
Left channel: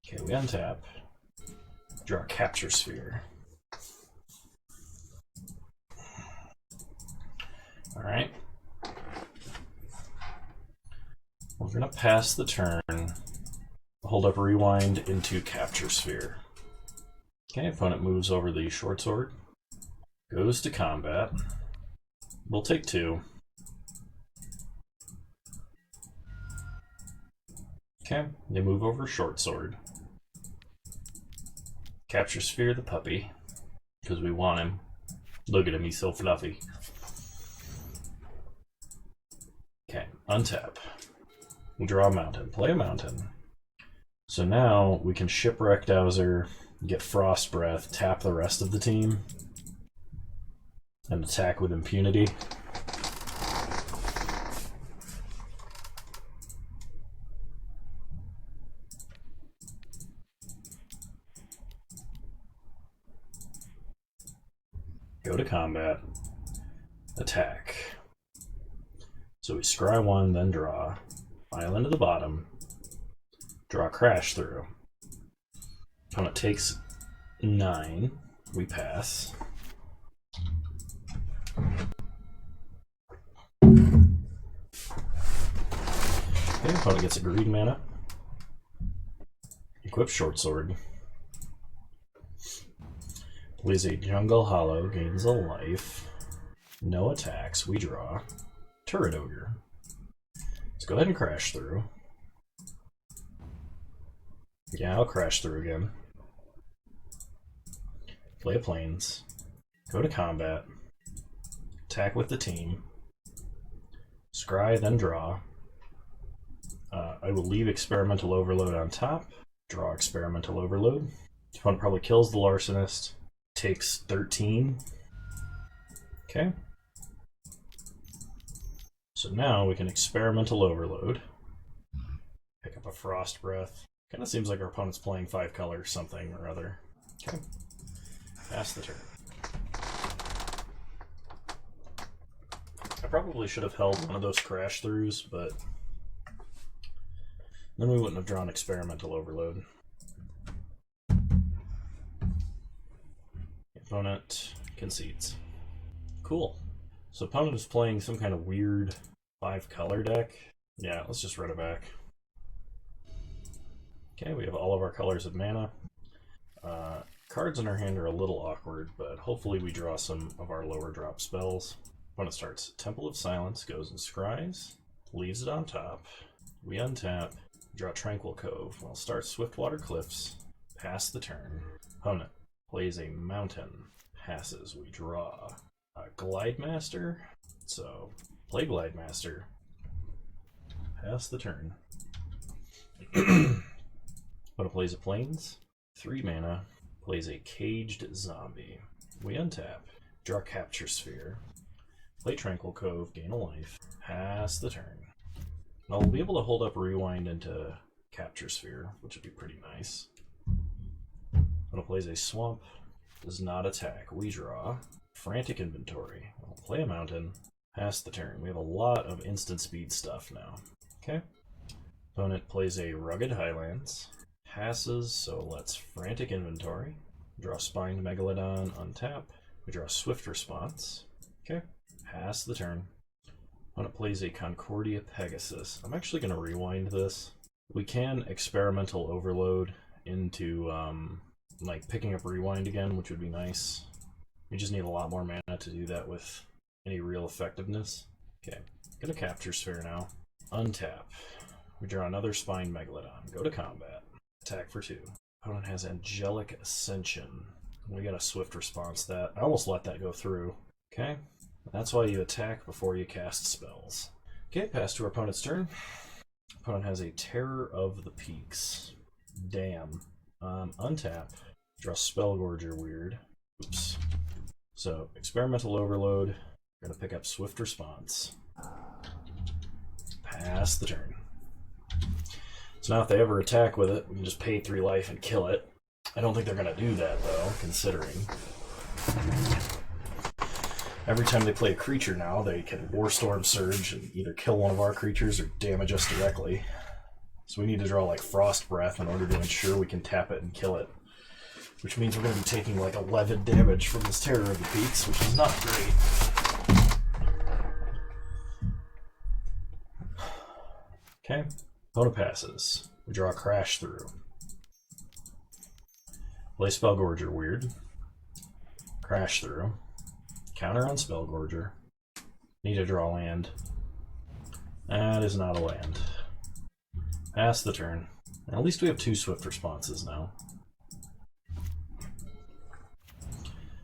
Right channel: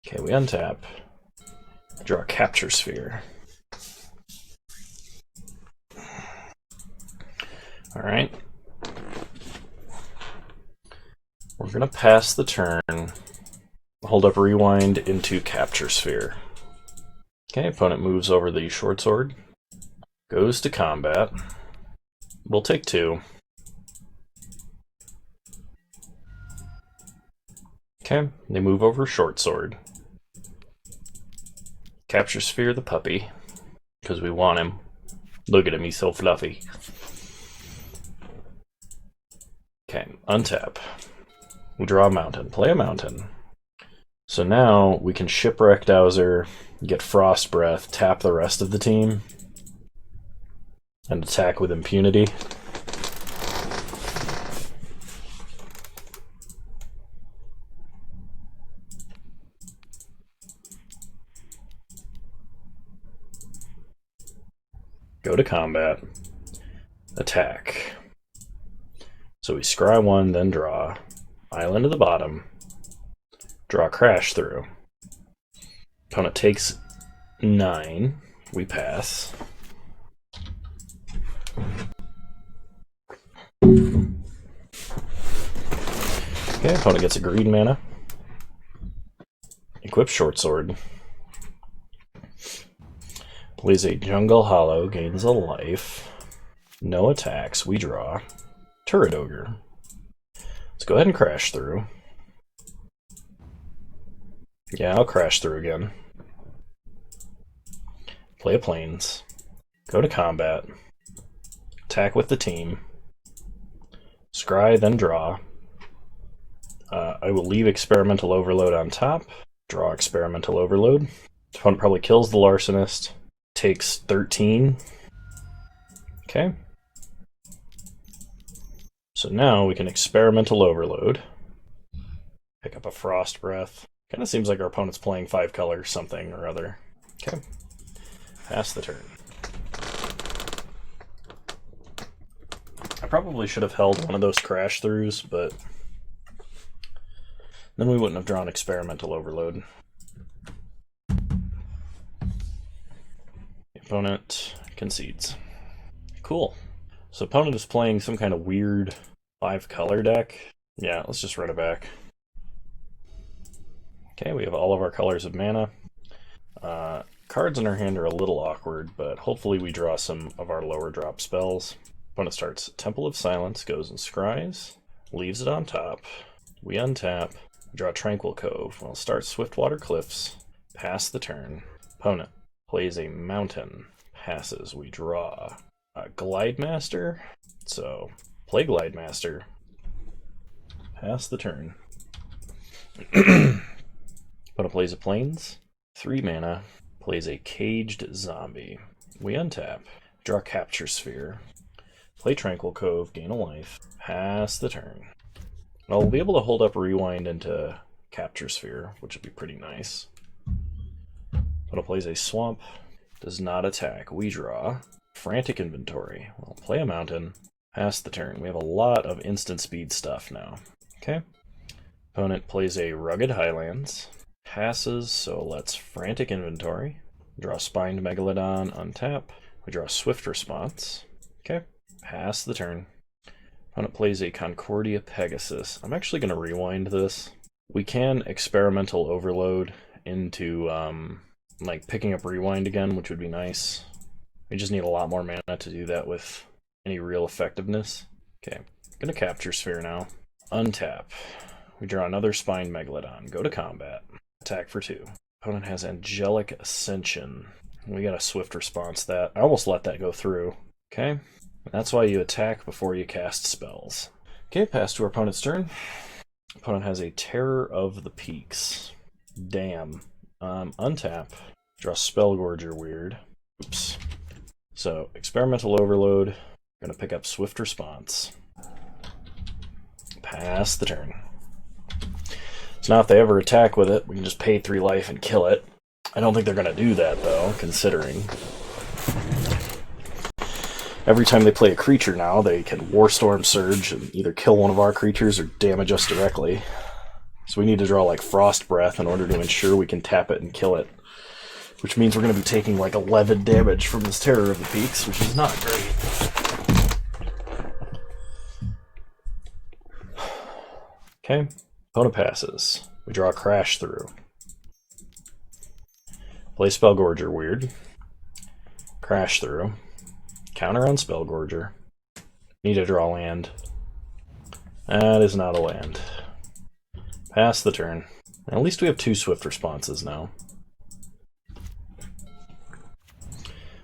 Okay, we untap. Draw a Capture Sphere. Alright. We're going to pass the turn, hold up rewind into Capture Sphere. Okay, opponent moves over the short sword, goes to combat. We'll take 2. Okay, they move over short sword. Capture Sphere the puppy, because we want him. Look at him, he's so fluffy. Okay, untap. We draw a mountain, play a mountain. So now we can Shipwreck Dowser, get Frost Breath, tap the rest of the team, and attack with impunity. Go to combat. Attack. So we scry 1, then draw. Island to the bottom. Draw Crash Through. Opponent takes 9. We pass. Okay, opponent gets a green mana. Equip Short Sword. Plays a Jungle Hollow, gains a life. No attacks, we draw. Turret Ogre. Let's go ahead and Crash Through. Yeah, I'll Crash Through again. Play a Plains. Go to combat. Attack with the team. Scry, then draw. I will leave Experimental Overload on top. Draw Experimental Overload. Opponent probably kills the Larcenist. Takes 13. Okay. So now we can Experimental Overload. Pick up a Frost Breath. Kind of seems like our opponent's playing 5 colors something or other. Okay. Pass the turn. I probably should have held one of those Crash Throughs, but then we wouldn't have drawn Experimental Overload. The opponent concedes. Cool. So opponent is playing some kind of weird 5-color deck. Yeah, let's just run it back. Okay, we have all of our colors of mana. Cards in our hand are a little awkward, but hopefully we draw some of our lower drop spells. Opponent starts Temple of Silence, goes and scries, leaves it on top. We untap, draw Tranquil Cove. Well, start Swiftwater Cliffs, pass the turn. Opponent plays a mountain, passes, we draw. Glide Master, so play Glide Master, pass the turn. Opponent plays a Plains, 3 mana, plays a Caged Zombie. We untap, draw Capture Sphere, play Tranquil Cove, gain a life, pass the turn. Now we'll be able to hold up Rewind into Capture Sphere, which would be pretty nice. Opponent plays a Swamp, does not attack. We draw. Frantic Inventory. We'll play a mountain, pass the turn. We have a lot of instant speed stuff now. Okay. Opponent plays a Rugged Highlands, passes, so let's Frantic Inventory. Draw Spined Megalodon, untap. We draw Swift Response. Okay. Pass the turn. Opponent plays a Concordia Pegasus. I'm actually going to rewind this. We can Experimental Overload into like picking up Rewind again, which would be nice. We just need a lot more mana to do that with any real effectiveness. Okay, gonna Capture Sphere now. Untap. We draw another Spined Megalodon. Go to combat. Attack for 2. Opponent has Angelic Ascension. We got a Swift Response that. I almost let that go through. Okay, and that's why you attack before you cast spells. Okay, pass to our opponent's turn. Opponent has a Terror of the Peaks. Damn. Untap. Draw Spellgorger Weird. Oops. So, Experimental Overload. Gonna pick up Swift Response. Pass the turn. So now if they ever attack with it, we can just pay 3 life and kill it. I don't think they're gonna do that though, considering. Every time they play a creature now, they can Warstorm Surge and either kill one of our creatures or damage us directly. So we need to draw like Frost Breath in order to ensure we can tap it and kill it. Which means we're going to be taking like 11 damage from this Terror of the Peaks, which is not great. Okay, opponent passes. We draw Crash Through. Play Spellgorger Weird. Crash Through. Counter on Spellgorger. Need to draw land. That is not a land. Pass the turn. At least we have 2 Swift Responses now.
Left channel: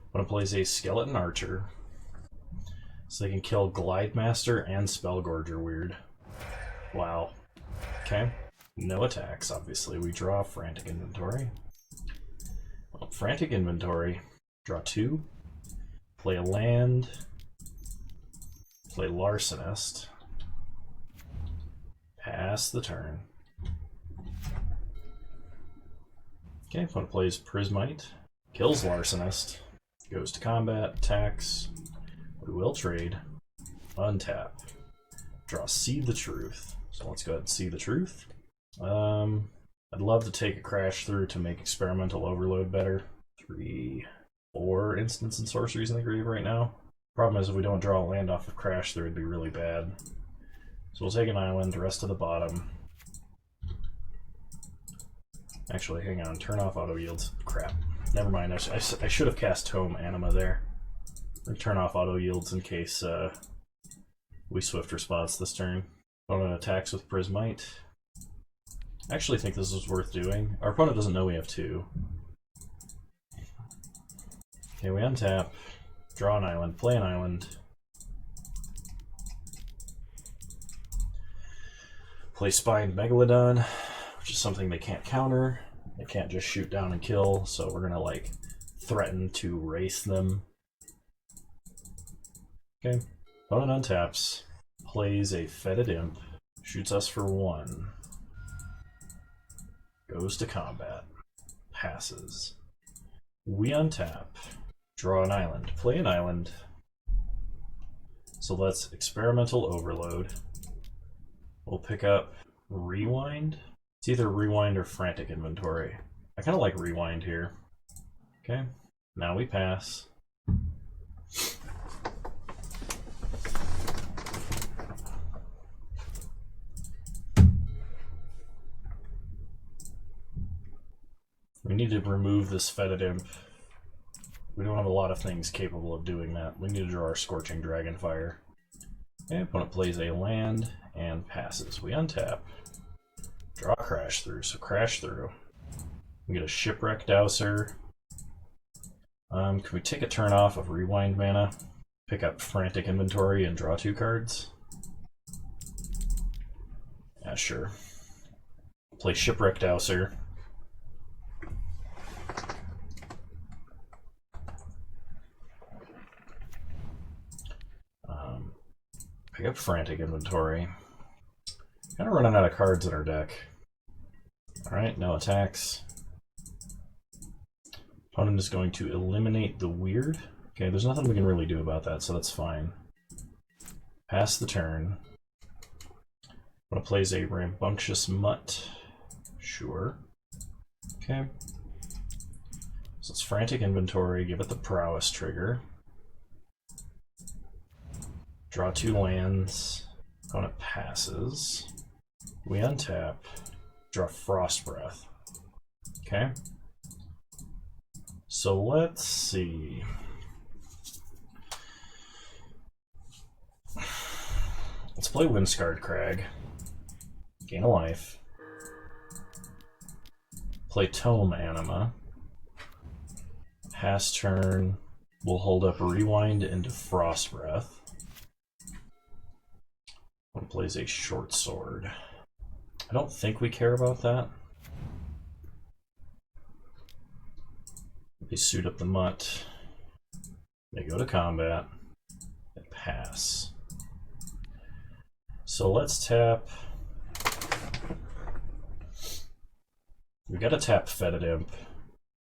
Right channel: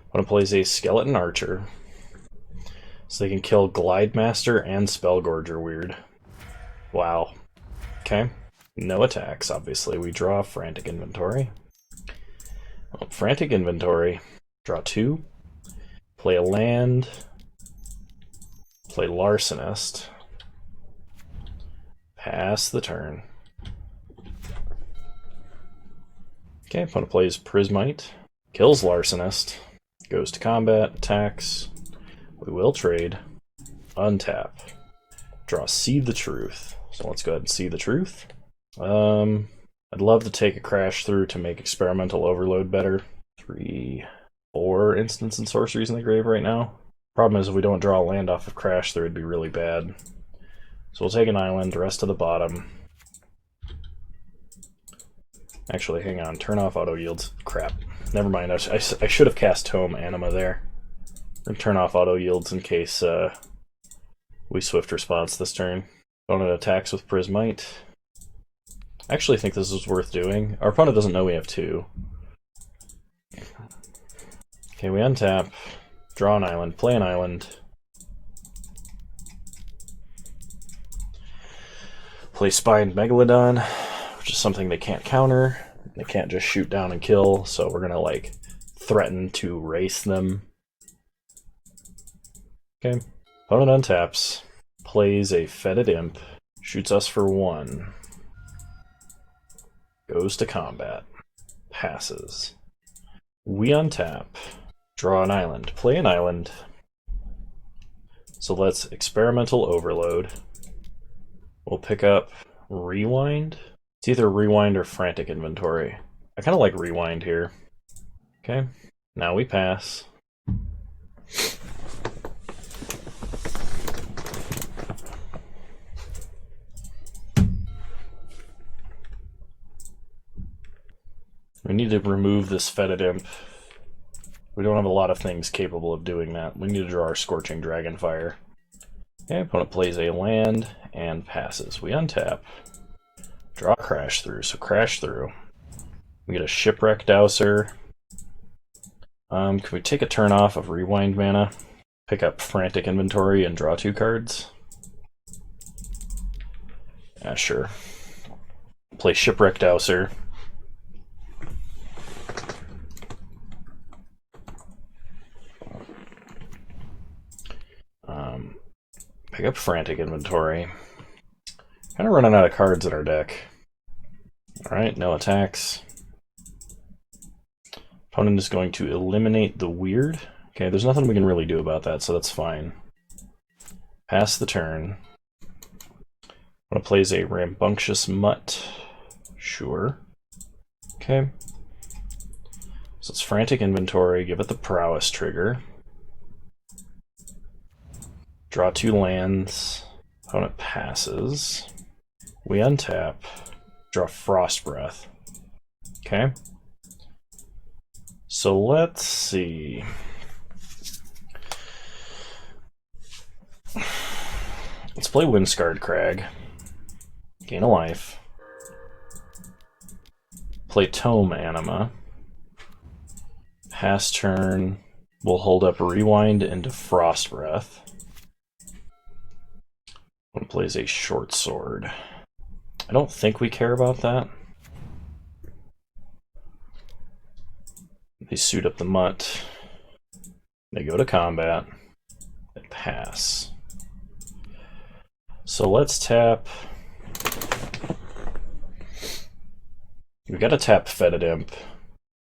Opponent plays a Skeleton Archer, so they can kill Glide Master and Spellgorger Weird. Wow. Okay. No attacks, obviously. We draw Frantic Inventory. Well, Frantic Inventory. Draw 2. Play a land. Play Larcenist. Pass the turn. Okay, opponent plays Prismite. Kills Larcenist. Goes to combat, attacks. We will trade. Untap. Draw Seed the Truth. So let's go ahead and See the Truth. I'd love to take a Crash Through to make Experimental Overload better. 3, 4 instants and sorceries in the grave right now. Problem is if we don't draw a land off of Crash Through, it'd be really bad. So we'll take an island, rest to the bottom. Actually, hang on, turn off auto yields. Crap. Never mind, I should have cast Tome Anima there. And turn off auto yields in case we Swift Response this turn. Opponent attacks with Prismite. I actually think this is worth doing. Our opponent doesn't know we have 2. Okay, we untap, draw an island, play an island. Play Spined Megalodon, which is something they can't counter. They can't just shoot down and kill, so we're gonna like threaten to race them. Okay. Opponent untaps, plays a Fetid Imp, shoots us for 1. Goes to combat. Passes. We untap, draw an island, play an island. So let's Experimental Overload. We'll pick up Rewind. It's either Rewind or Frantic Inventory. I kind of like Rewind here. Okay, now we pass. We need to remove this Fetid Imp. We don't have a lot of things capable of doing that. We need to draw our Scorching Dragonfire. Okay, opponent plays a land and passes. We untap. Draw Crash Through, so Crash Through. We get a Shipwreck Dowser. Can we take a turn off of Rewind mana, pick up Frantic Inventory, and draw 2 cards? Yeah, sure. Play Shipwreck Dowser. Pick up Frantic Inventory. Kind of running out of cards in our deck. Alright, no attacks. Opponent is going to eliminate the weird. Okay, there's nothing we can really do about that, so that's fine. Pass the turn. One plays a Rambunctious Mutt. Sure. Okay. So it's Frantic Inventory, give it the Prowess trigger. Draw 2 lands. Opponent passes. We untap. Draw Frost Breath. Okay. So let's see. Let's play Windscarred Crag. Gain a life. Play Tome Anima. Pass turn. We'll hold up Rewind into Frost Breath. One plays a Short Sword. I don't think we care about that. They suit up the Mutt. They go to combat. They pass. So let's tap. We gotta tap Fetid Imp.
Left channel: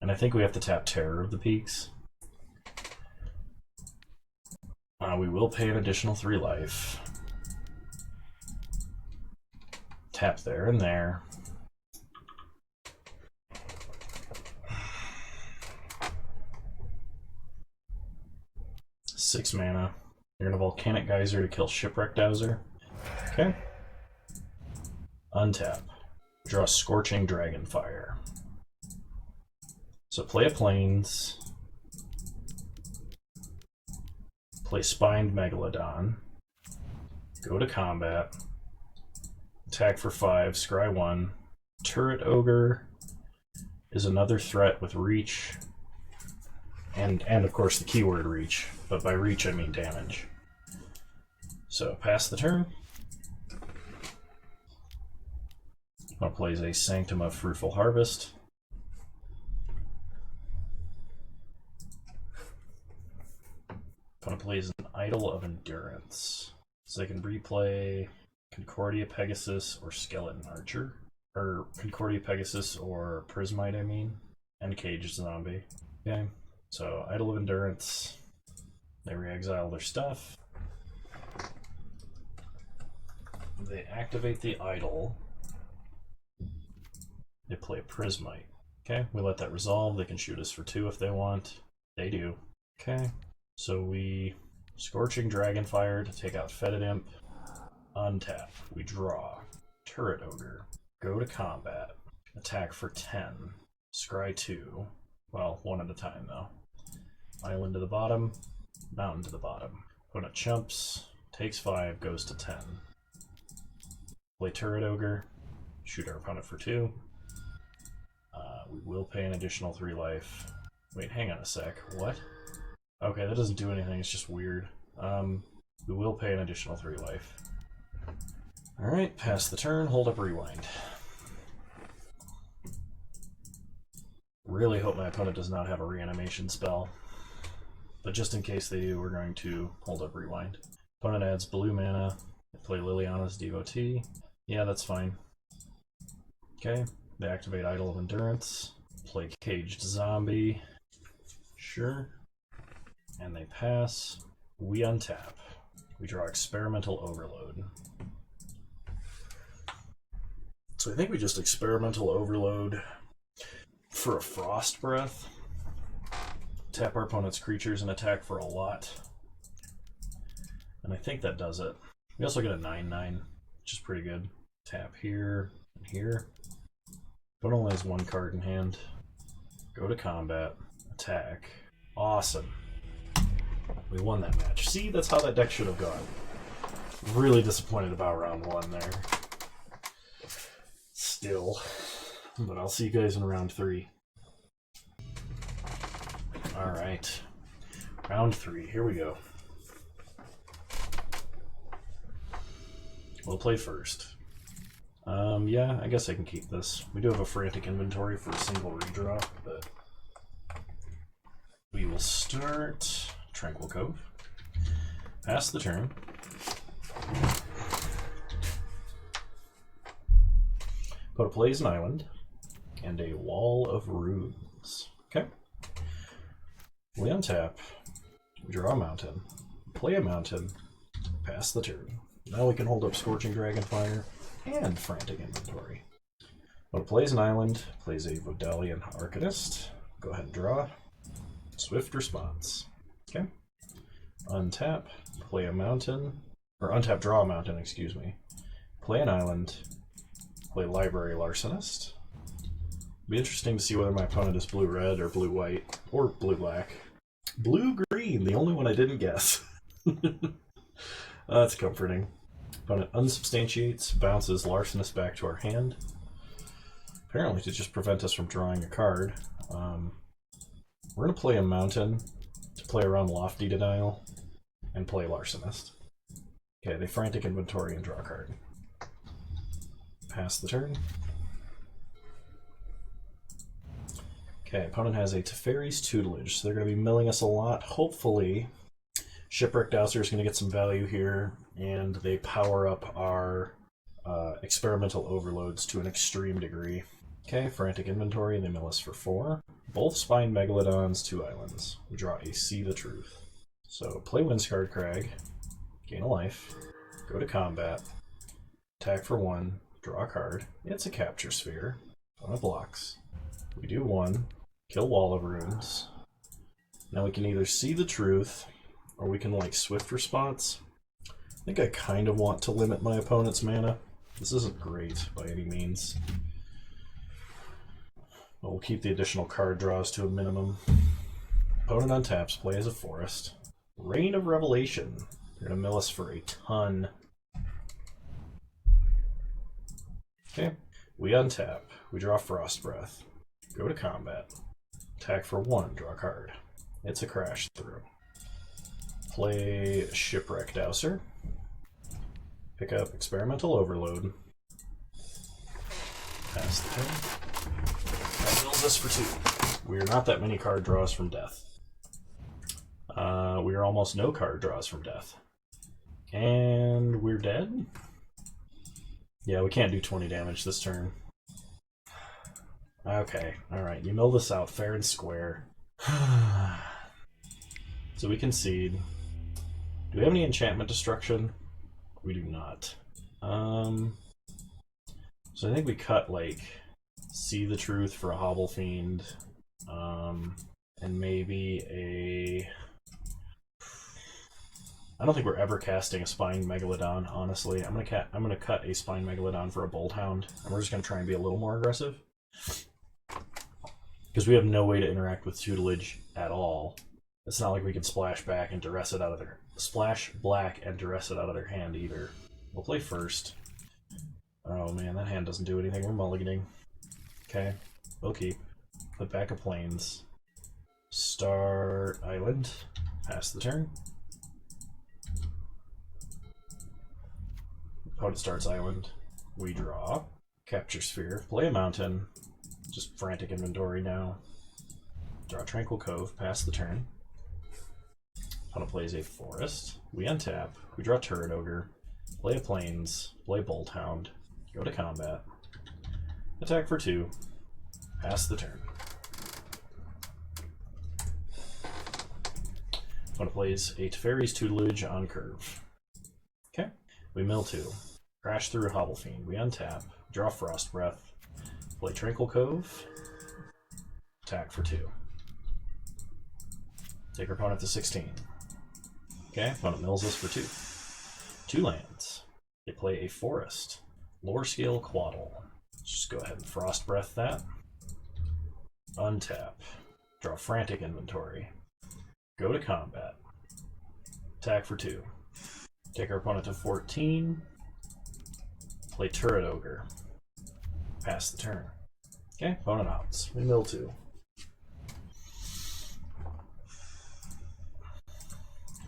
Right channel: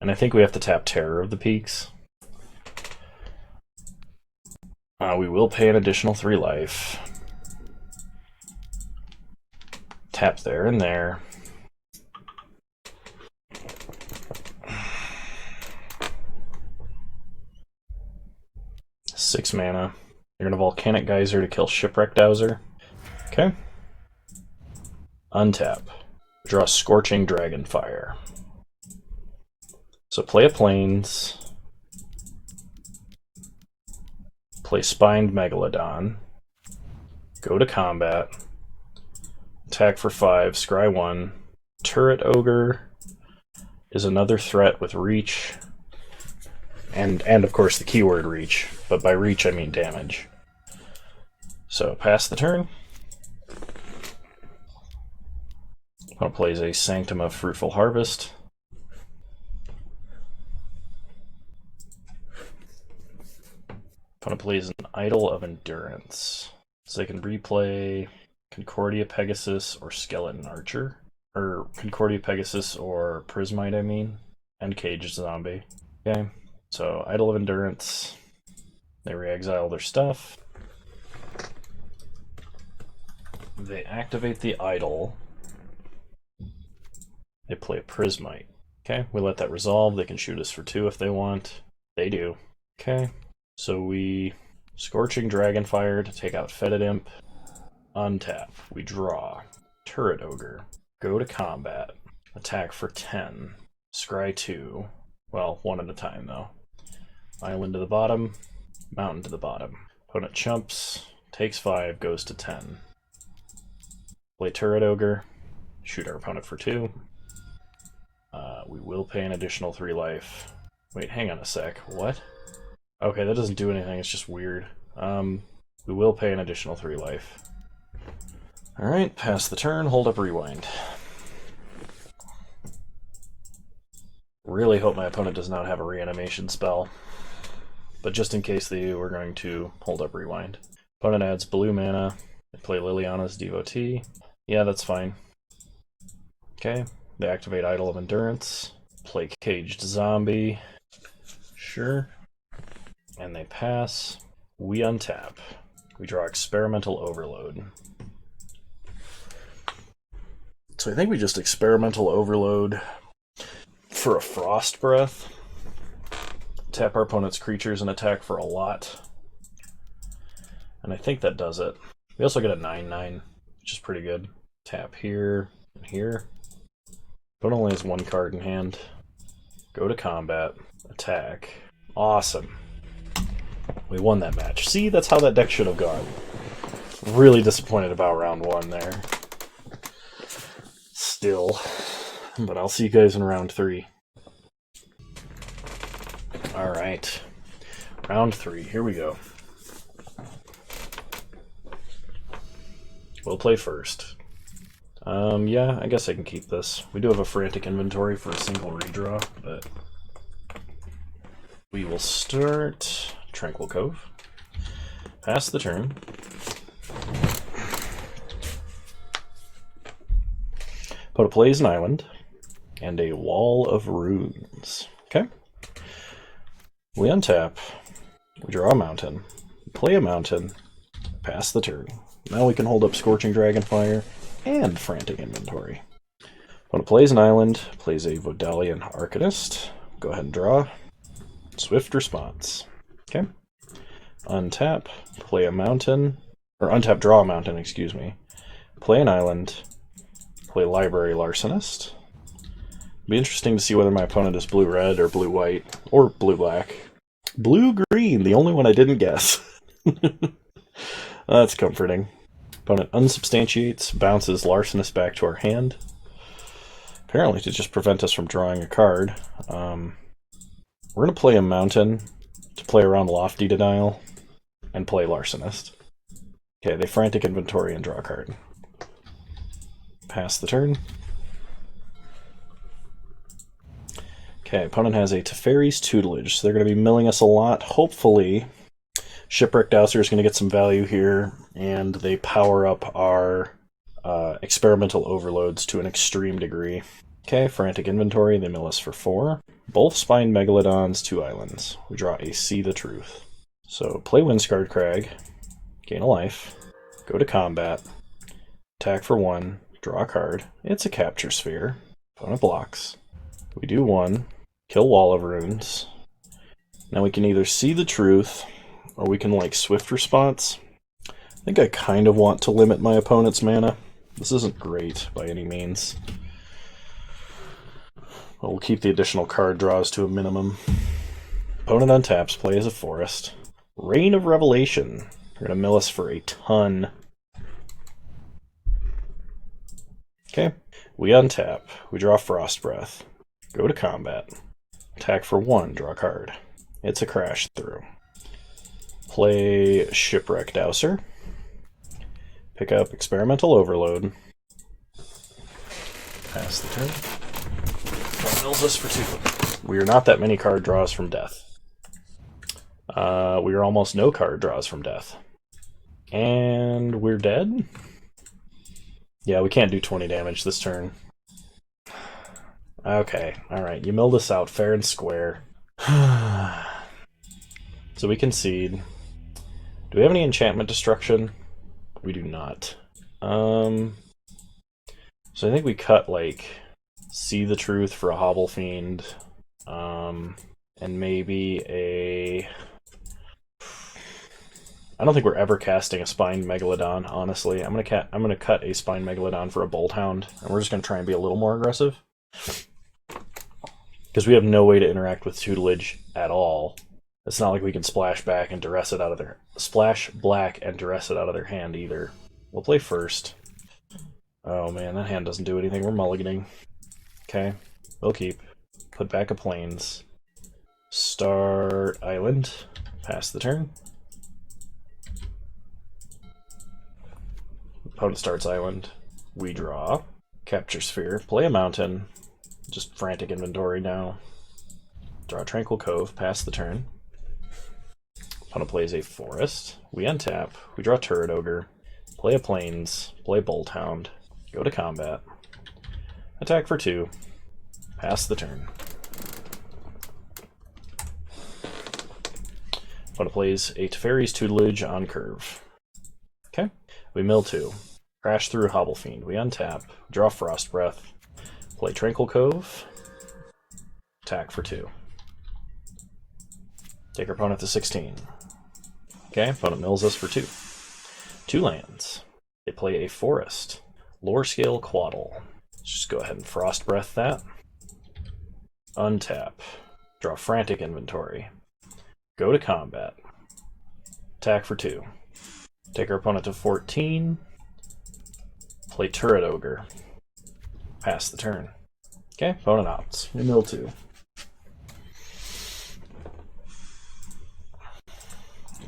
And I think we have to tap Terror of the Peaks. We will pay an additional 3 life. Tap there and there. Six mana. You're gonna Volcanic Geyser to kill Shipwreck Dowser. Okay. Untap. Draw Scorching Dragonfire. So play a Plains. Play Spined Megalodon. Go to combat. Attack for 5, scry 1. Turret Ogre is another threat with reach. And of course the keyword reach. But by reach I mean damage. So pass the turn. Opponent plays a Sanctum of Fruitful Harvest. Opponent plays an Idol of Endurance. So they can replay Concordia Pegasus or Skeleton Archer. Or Concordia Pegasus or Prismite, I mean. And Caged Zombie. Okay, so Idol of Endurance. They re-exile their stuff. They activate the Idol. They play a Prismite. Okay, we let that resolve. They can shoot us for 2 if they want. They do. Okay, so we Scorching Dragonfire to take out Fetid Imp. Untap. We draw. Turret Ogre. Go to combat. Attack for 10. Scry 2. Well, 1 at a time though. Island to the bottom. Mountain to the bottom. Opponent chumps. Takes 5. Goes to 10. Play Turret Ogre. Shoot our opponent for 2. We will pay an additional 3 life. Wait, hang on a sec. What? Okay, that doesn't do anything. It's just weird. We will pay an additional 3 life. Alright, pass the turn, hold up Rewind. Really hope my opponent does not have a reanimation spell. But just in case they do, we're going to hold up Rewind. Opponent adds blue mana. They play Liliana's Devotee. Yeah, that's fine. Okay, they activate Idol of Endurance. Play Caged Zombie. Sure. And they pass. We untap. We draw Experimental Overload. So I think we just Experimental Overload for a Frost Breath. Tap our opponent's creatures and attack for a lot. And I think that does it. We also get a 9/9, which is pretty good. Tap here and here. Opponent only has 1 card in hand. Go to combat. Attack. Awesome. We won that match. See, that's how that deck should have gone. Really disappointed about round 1 there. Still. But I'll see you guys in round 3. All right. Round 3. Here we go. We'll play first. Yeah, I guess I can keep this. We do have a frantic inventory for a single redraw, but we will start Tranquil Cove. Pass the turn. Put a plays an island and a wall of runes. Okay. We untap. We draw a mountain. Play a mountain. Pass the turn. Now we can hold up Scorching Dragonfire and Frantic Inventory. When it plays an island, plays a Vodalian Arcanist. Go ahead and draw. Swift response. Okay. Untap, play a mountain, or untap, draw a mountain, excuse me. Play an island, play Library Larcenist. Be interesting to see whether my opponent is blue-red or blue-white, or blue-black. Blue-green, the only one I didn't guess. That's comforting. Opponent unsubstantiates, bounces Larcenist back to our hand. Apparently to just prevent us from drawing a card. We're going to play a mountain to play around Lofty Denial and play Larcenist. Okay, they Frantic Inventory and draw a card. Pass the turn. Okay, opponent has a Teferi's Tutelage, so they're going to be milling us a lot. Hopefully, Shipwreck Dowser is going to get some value here, and they power up our experimental overloads to an extreme degree. Okay, Frantic Inventory, they mill us for 4. Both Spined Megalodons, 2 islands. We draw a See the Truth. So, play Windscarred Crag, gain a life, go to combat, attack for 1, draw a card. It's a Capture Sphere. Opponent blocks. We do 1, kill Wall of Runes. Now we can either See the Truth, or we can like Swift Response. I think I kind of want to limit my opponent's mana. This isn't great by any means. But we'll keep the additional card draws to a minimum. Opponent untaps, play as a forest. Reign of Revelation. They're going to mill us for a ton. Okay. We untap. We draw Frost Breath. Go to combat. Attack for 1, draw a card. It's a Crash Through. Play Shipwreck Dowser. Pick up Experimental Overload. Pass the turn. That mills us for 2. We are not that many card draws from death. We are almost no card draws from death. And we're dead? Yeah, we can't do 20 damage this turn. Okay, alright, you milled us out fair and square. So we concede. Do we have any enchantment destruction? We do not. So I think we cut, like, See the Truth for a Hobble Fiend, and maybe a... I don't think we're ever casting a Spined Megalodon, honestly. I'm gonna cut a Spined Megalodon for a Bolt Hound, and we're just gonna try and be a little more aggressive. Because we have no way to interact with Tutelage at all. It's not like we can splash back and duress it out of their... Splash black and duress it out of their hand either. We'll play first. Oh man, that hand doesn't do anything. We're mulliganing. Okay, we'll keep. Put back a Plains. Start Island. Pass the turn. Opponent starts Island. We draw. Capture Sphere. Play a mountain. Just Frantic Inventory now. Draw Tranquil Cove. Pass the turn. Opponent plays a forest. We untap. We draw Turret Ogre. Play a Plains. Play Bolt Hound. Go to combat. Attack for 2. Pass the turn. Opponent plays a Teferi's Tutelage on curve. Okay. We mill 2. Crash through Hobble Fiend. We untap. Draw Frost Breath. Play Tranquil Cove. Attack for 2. Take our opponent to 16. Okay, opponent mills us for 2. 2 lands. They play a forest. Lore Scale Quaddle. Let's just go ahead and Frost Breath that. Untap. Draw Frantic Inventory. Go to combat. Attack for 2. Take our opponent to 14. Play Turret Ogre. Pass the turn. Okay, opponent outs. We mill 2.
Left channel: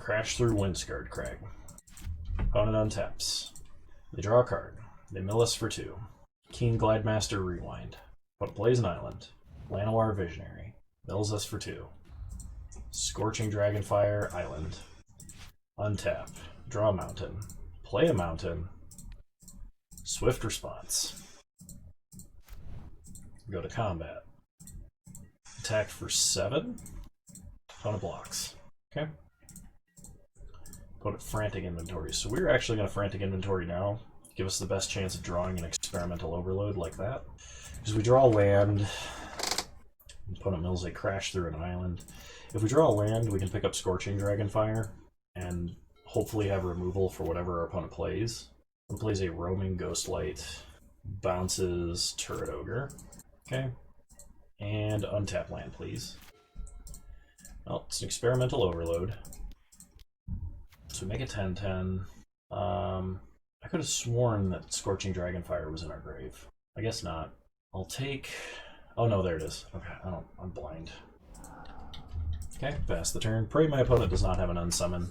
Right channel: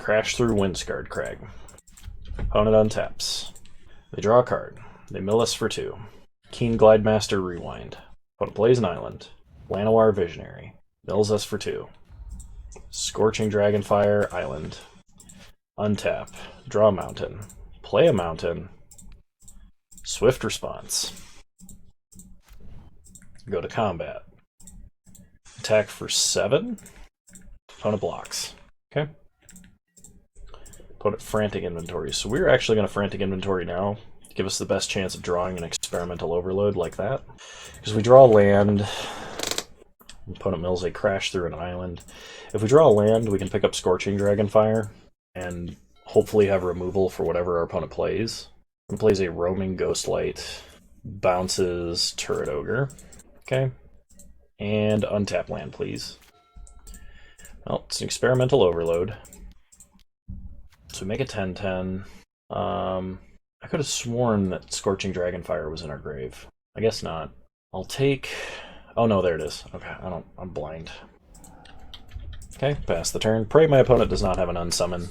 Crash through Windscarred Crag. Opponent untaps. They draw a card. They mill us for 2. Keen Glidemaster Rewind. Opponent plays an island. Llanowar Visionary. Mills us for 2. Scorching Dragonfire Island. Untap. Draw a mountain. Play a mountain. Swift response. Go to combat. Attack for 7. Opponent blocks. Okay. Opponent Frantic Inventory. So we're actually going to Frantic Inventory now. Give us the best chance of drawing an Experimental Overload like that. Because we draw land. Opponent mills a Crash through an island. If we draw a land, we can pick up Scorching Dragonfire and hopefully have removal for whatever our opponent plays. He plays a Roaming Ghostlight, bounces Turret Ogre. Okay. And untap land, please. Well, it's an Experimental Overload. So we make a 10/10. I could have sworn that Scorching Dragonfire was in our grave. I guess not. I'll take... Oh no, there it is. Okay, I'm blind. Okay, pass the turn. Pray my opponent does not have an unsummon.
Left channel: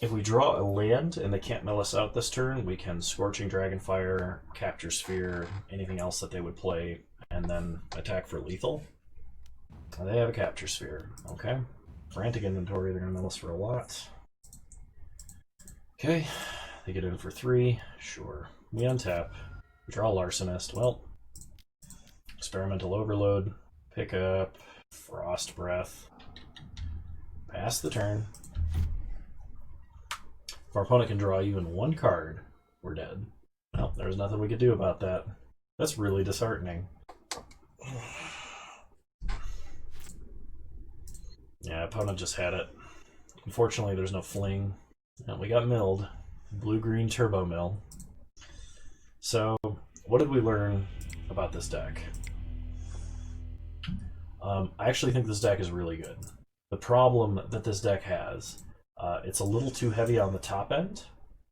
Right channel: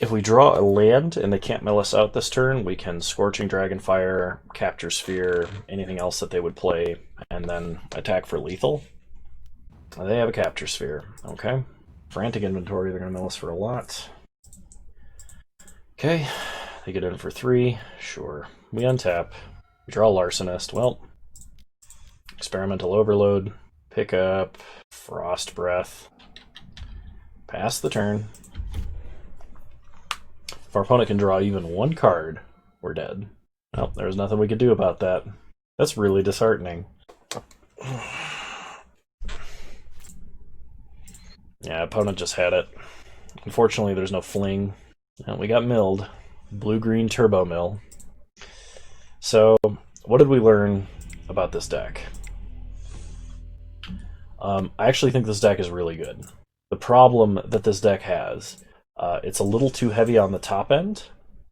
If we draw a land and they can't mill us out this turn, we can Scorching Dragonfire, Capture Sphere, anything else that they would play, and then attack for lethal. They have a Capture Sphere. Okay. Frantic Inventory, they're going to mill us for a lot. Okay, they get in for 3. Sure. We untap. We draw Larcenist. Well, Experimental Overload. Pick up Frost Breath. Pass the turn. If our opponent can draw even 1 card, we're dead. Well, there's nothing we could do about that. That's really disheartening. Yeah, opponent just had it. Unfortunately, there's no fling. And we got milled. Blue-green Turbo Mill. So, what did we learn about this deck? I actually think this deck is really good. The problem that this deck has, it's a little too heavy on the top end,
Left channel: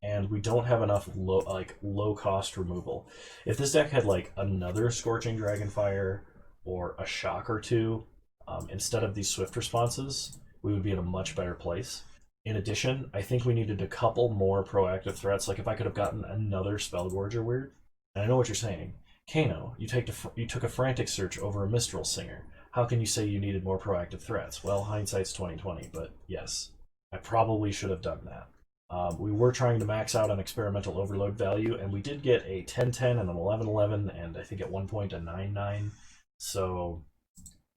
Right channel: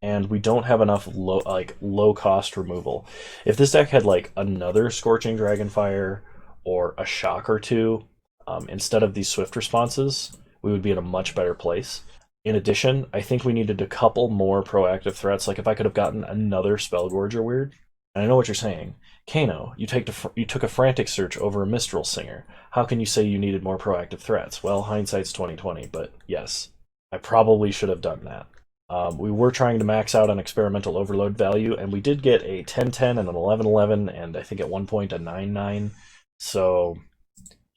and we don't have enough low-cost removal. If this deck had like another Scorching Dragonfire or a Shock or 2, instead of these Swift responses, we would be in a much better place. In addition, I think we needed a couple more proactive threats. Like if I could have gotten another Spellgorger Weird. And I know what you're saying. Kano, you took a Frantic Search over a Mistral Singer. How can you say you needed more proactive threats? Well, hindsight's 20/20, but yes, I probably should have done that. We were trying to max out on Experimental Overload value, and we did get a 10/10 and an 11/11, and I think at one point a 9/9. So,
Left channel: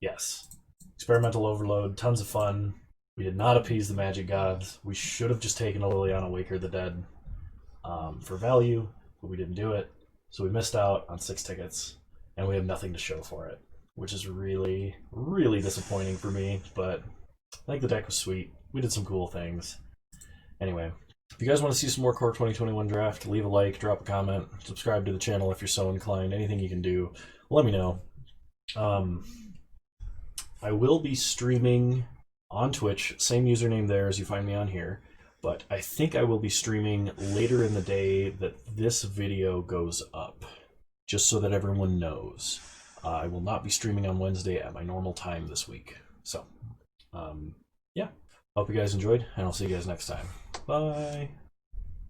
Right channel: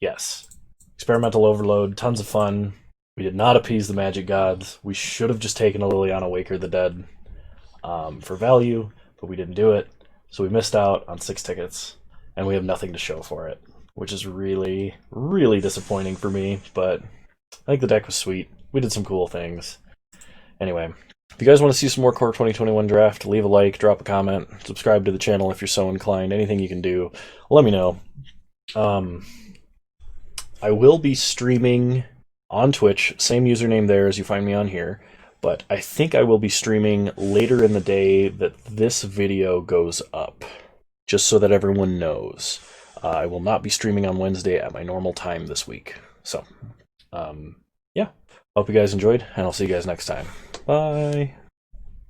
yes. Experimental Overload, tons of fun. We did not appease the magic gods. We should have just taken a Liliana Waker the Dead for value, but we didn't do it. So we missed out on 6 tickets, and we have nothing to show for it, which is really, really disappointing for me, but I think the deck was sweet. We did some cool things. Anyway, if you guys want to see some more Core 2021 Draft, leave a like, drop a comment, subscribe to the channel if you're so inclined. Anything you can do, let me know. I will be streaming on Twitch, same username there as you find me on here, but I think I will be streaming later in the day that this video goes up, just so that everyone knows. I will not be streaming on Wednesday at my normal time this week. So, yeah, hope you guys enjoyed, and I'll see you guys next time. Bye!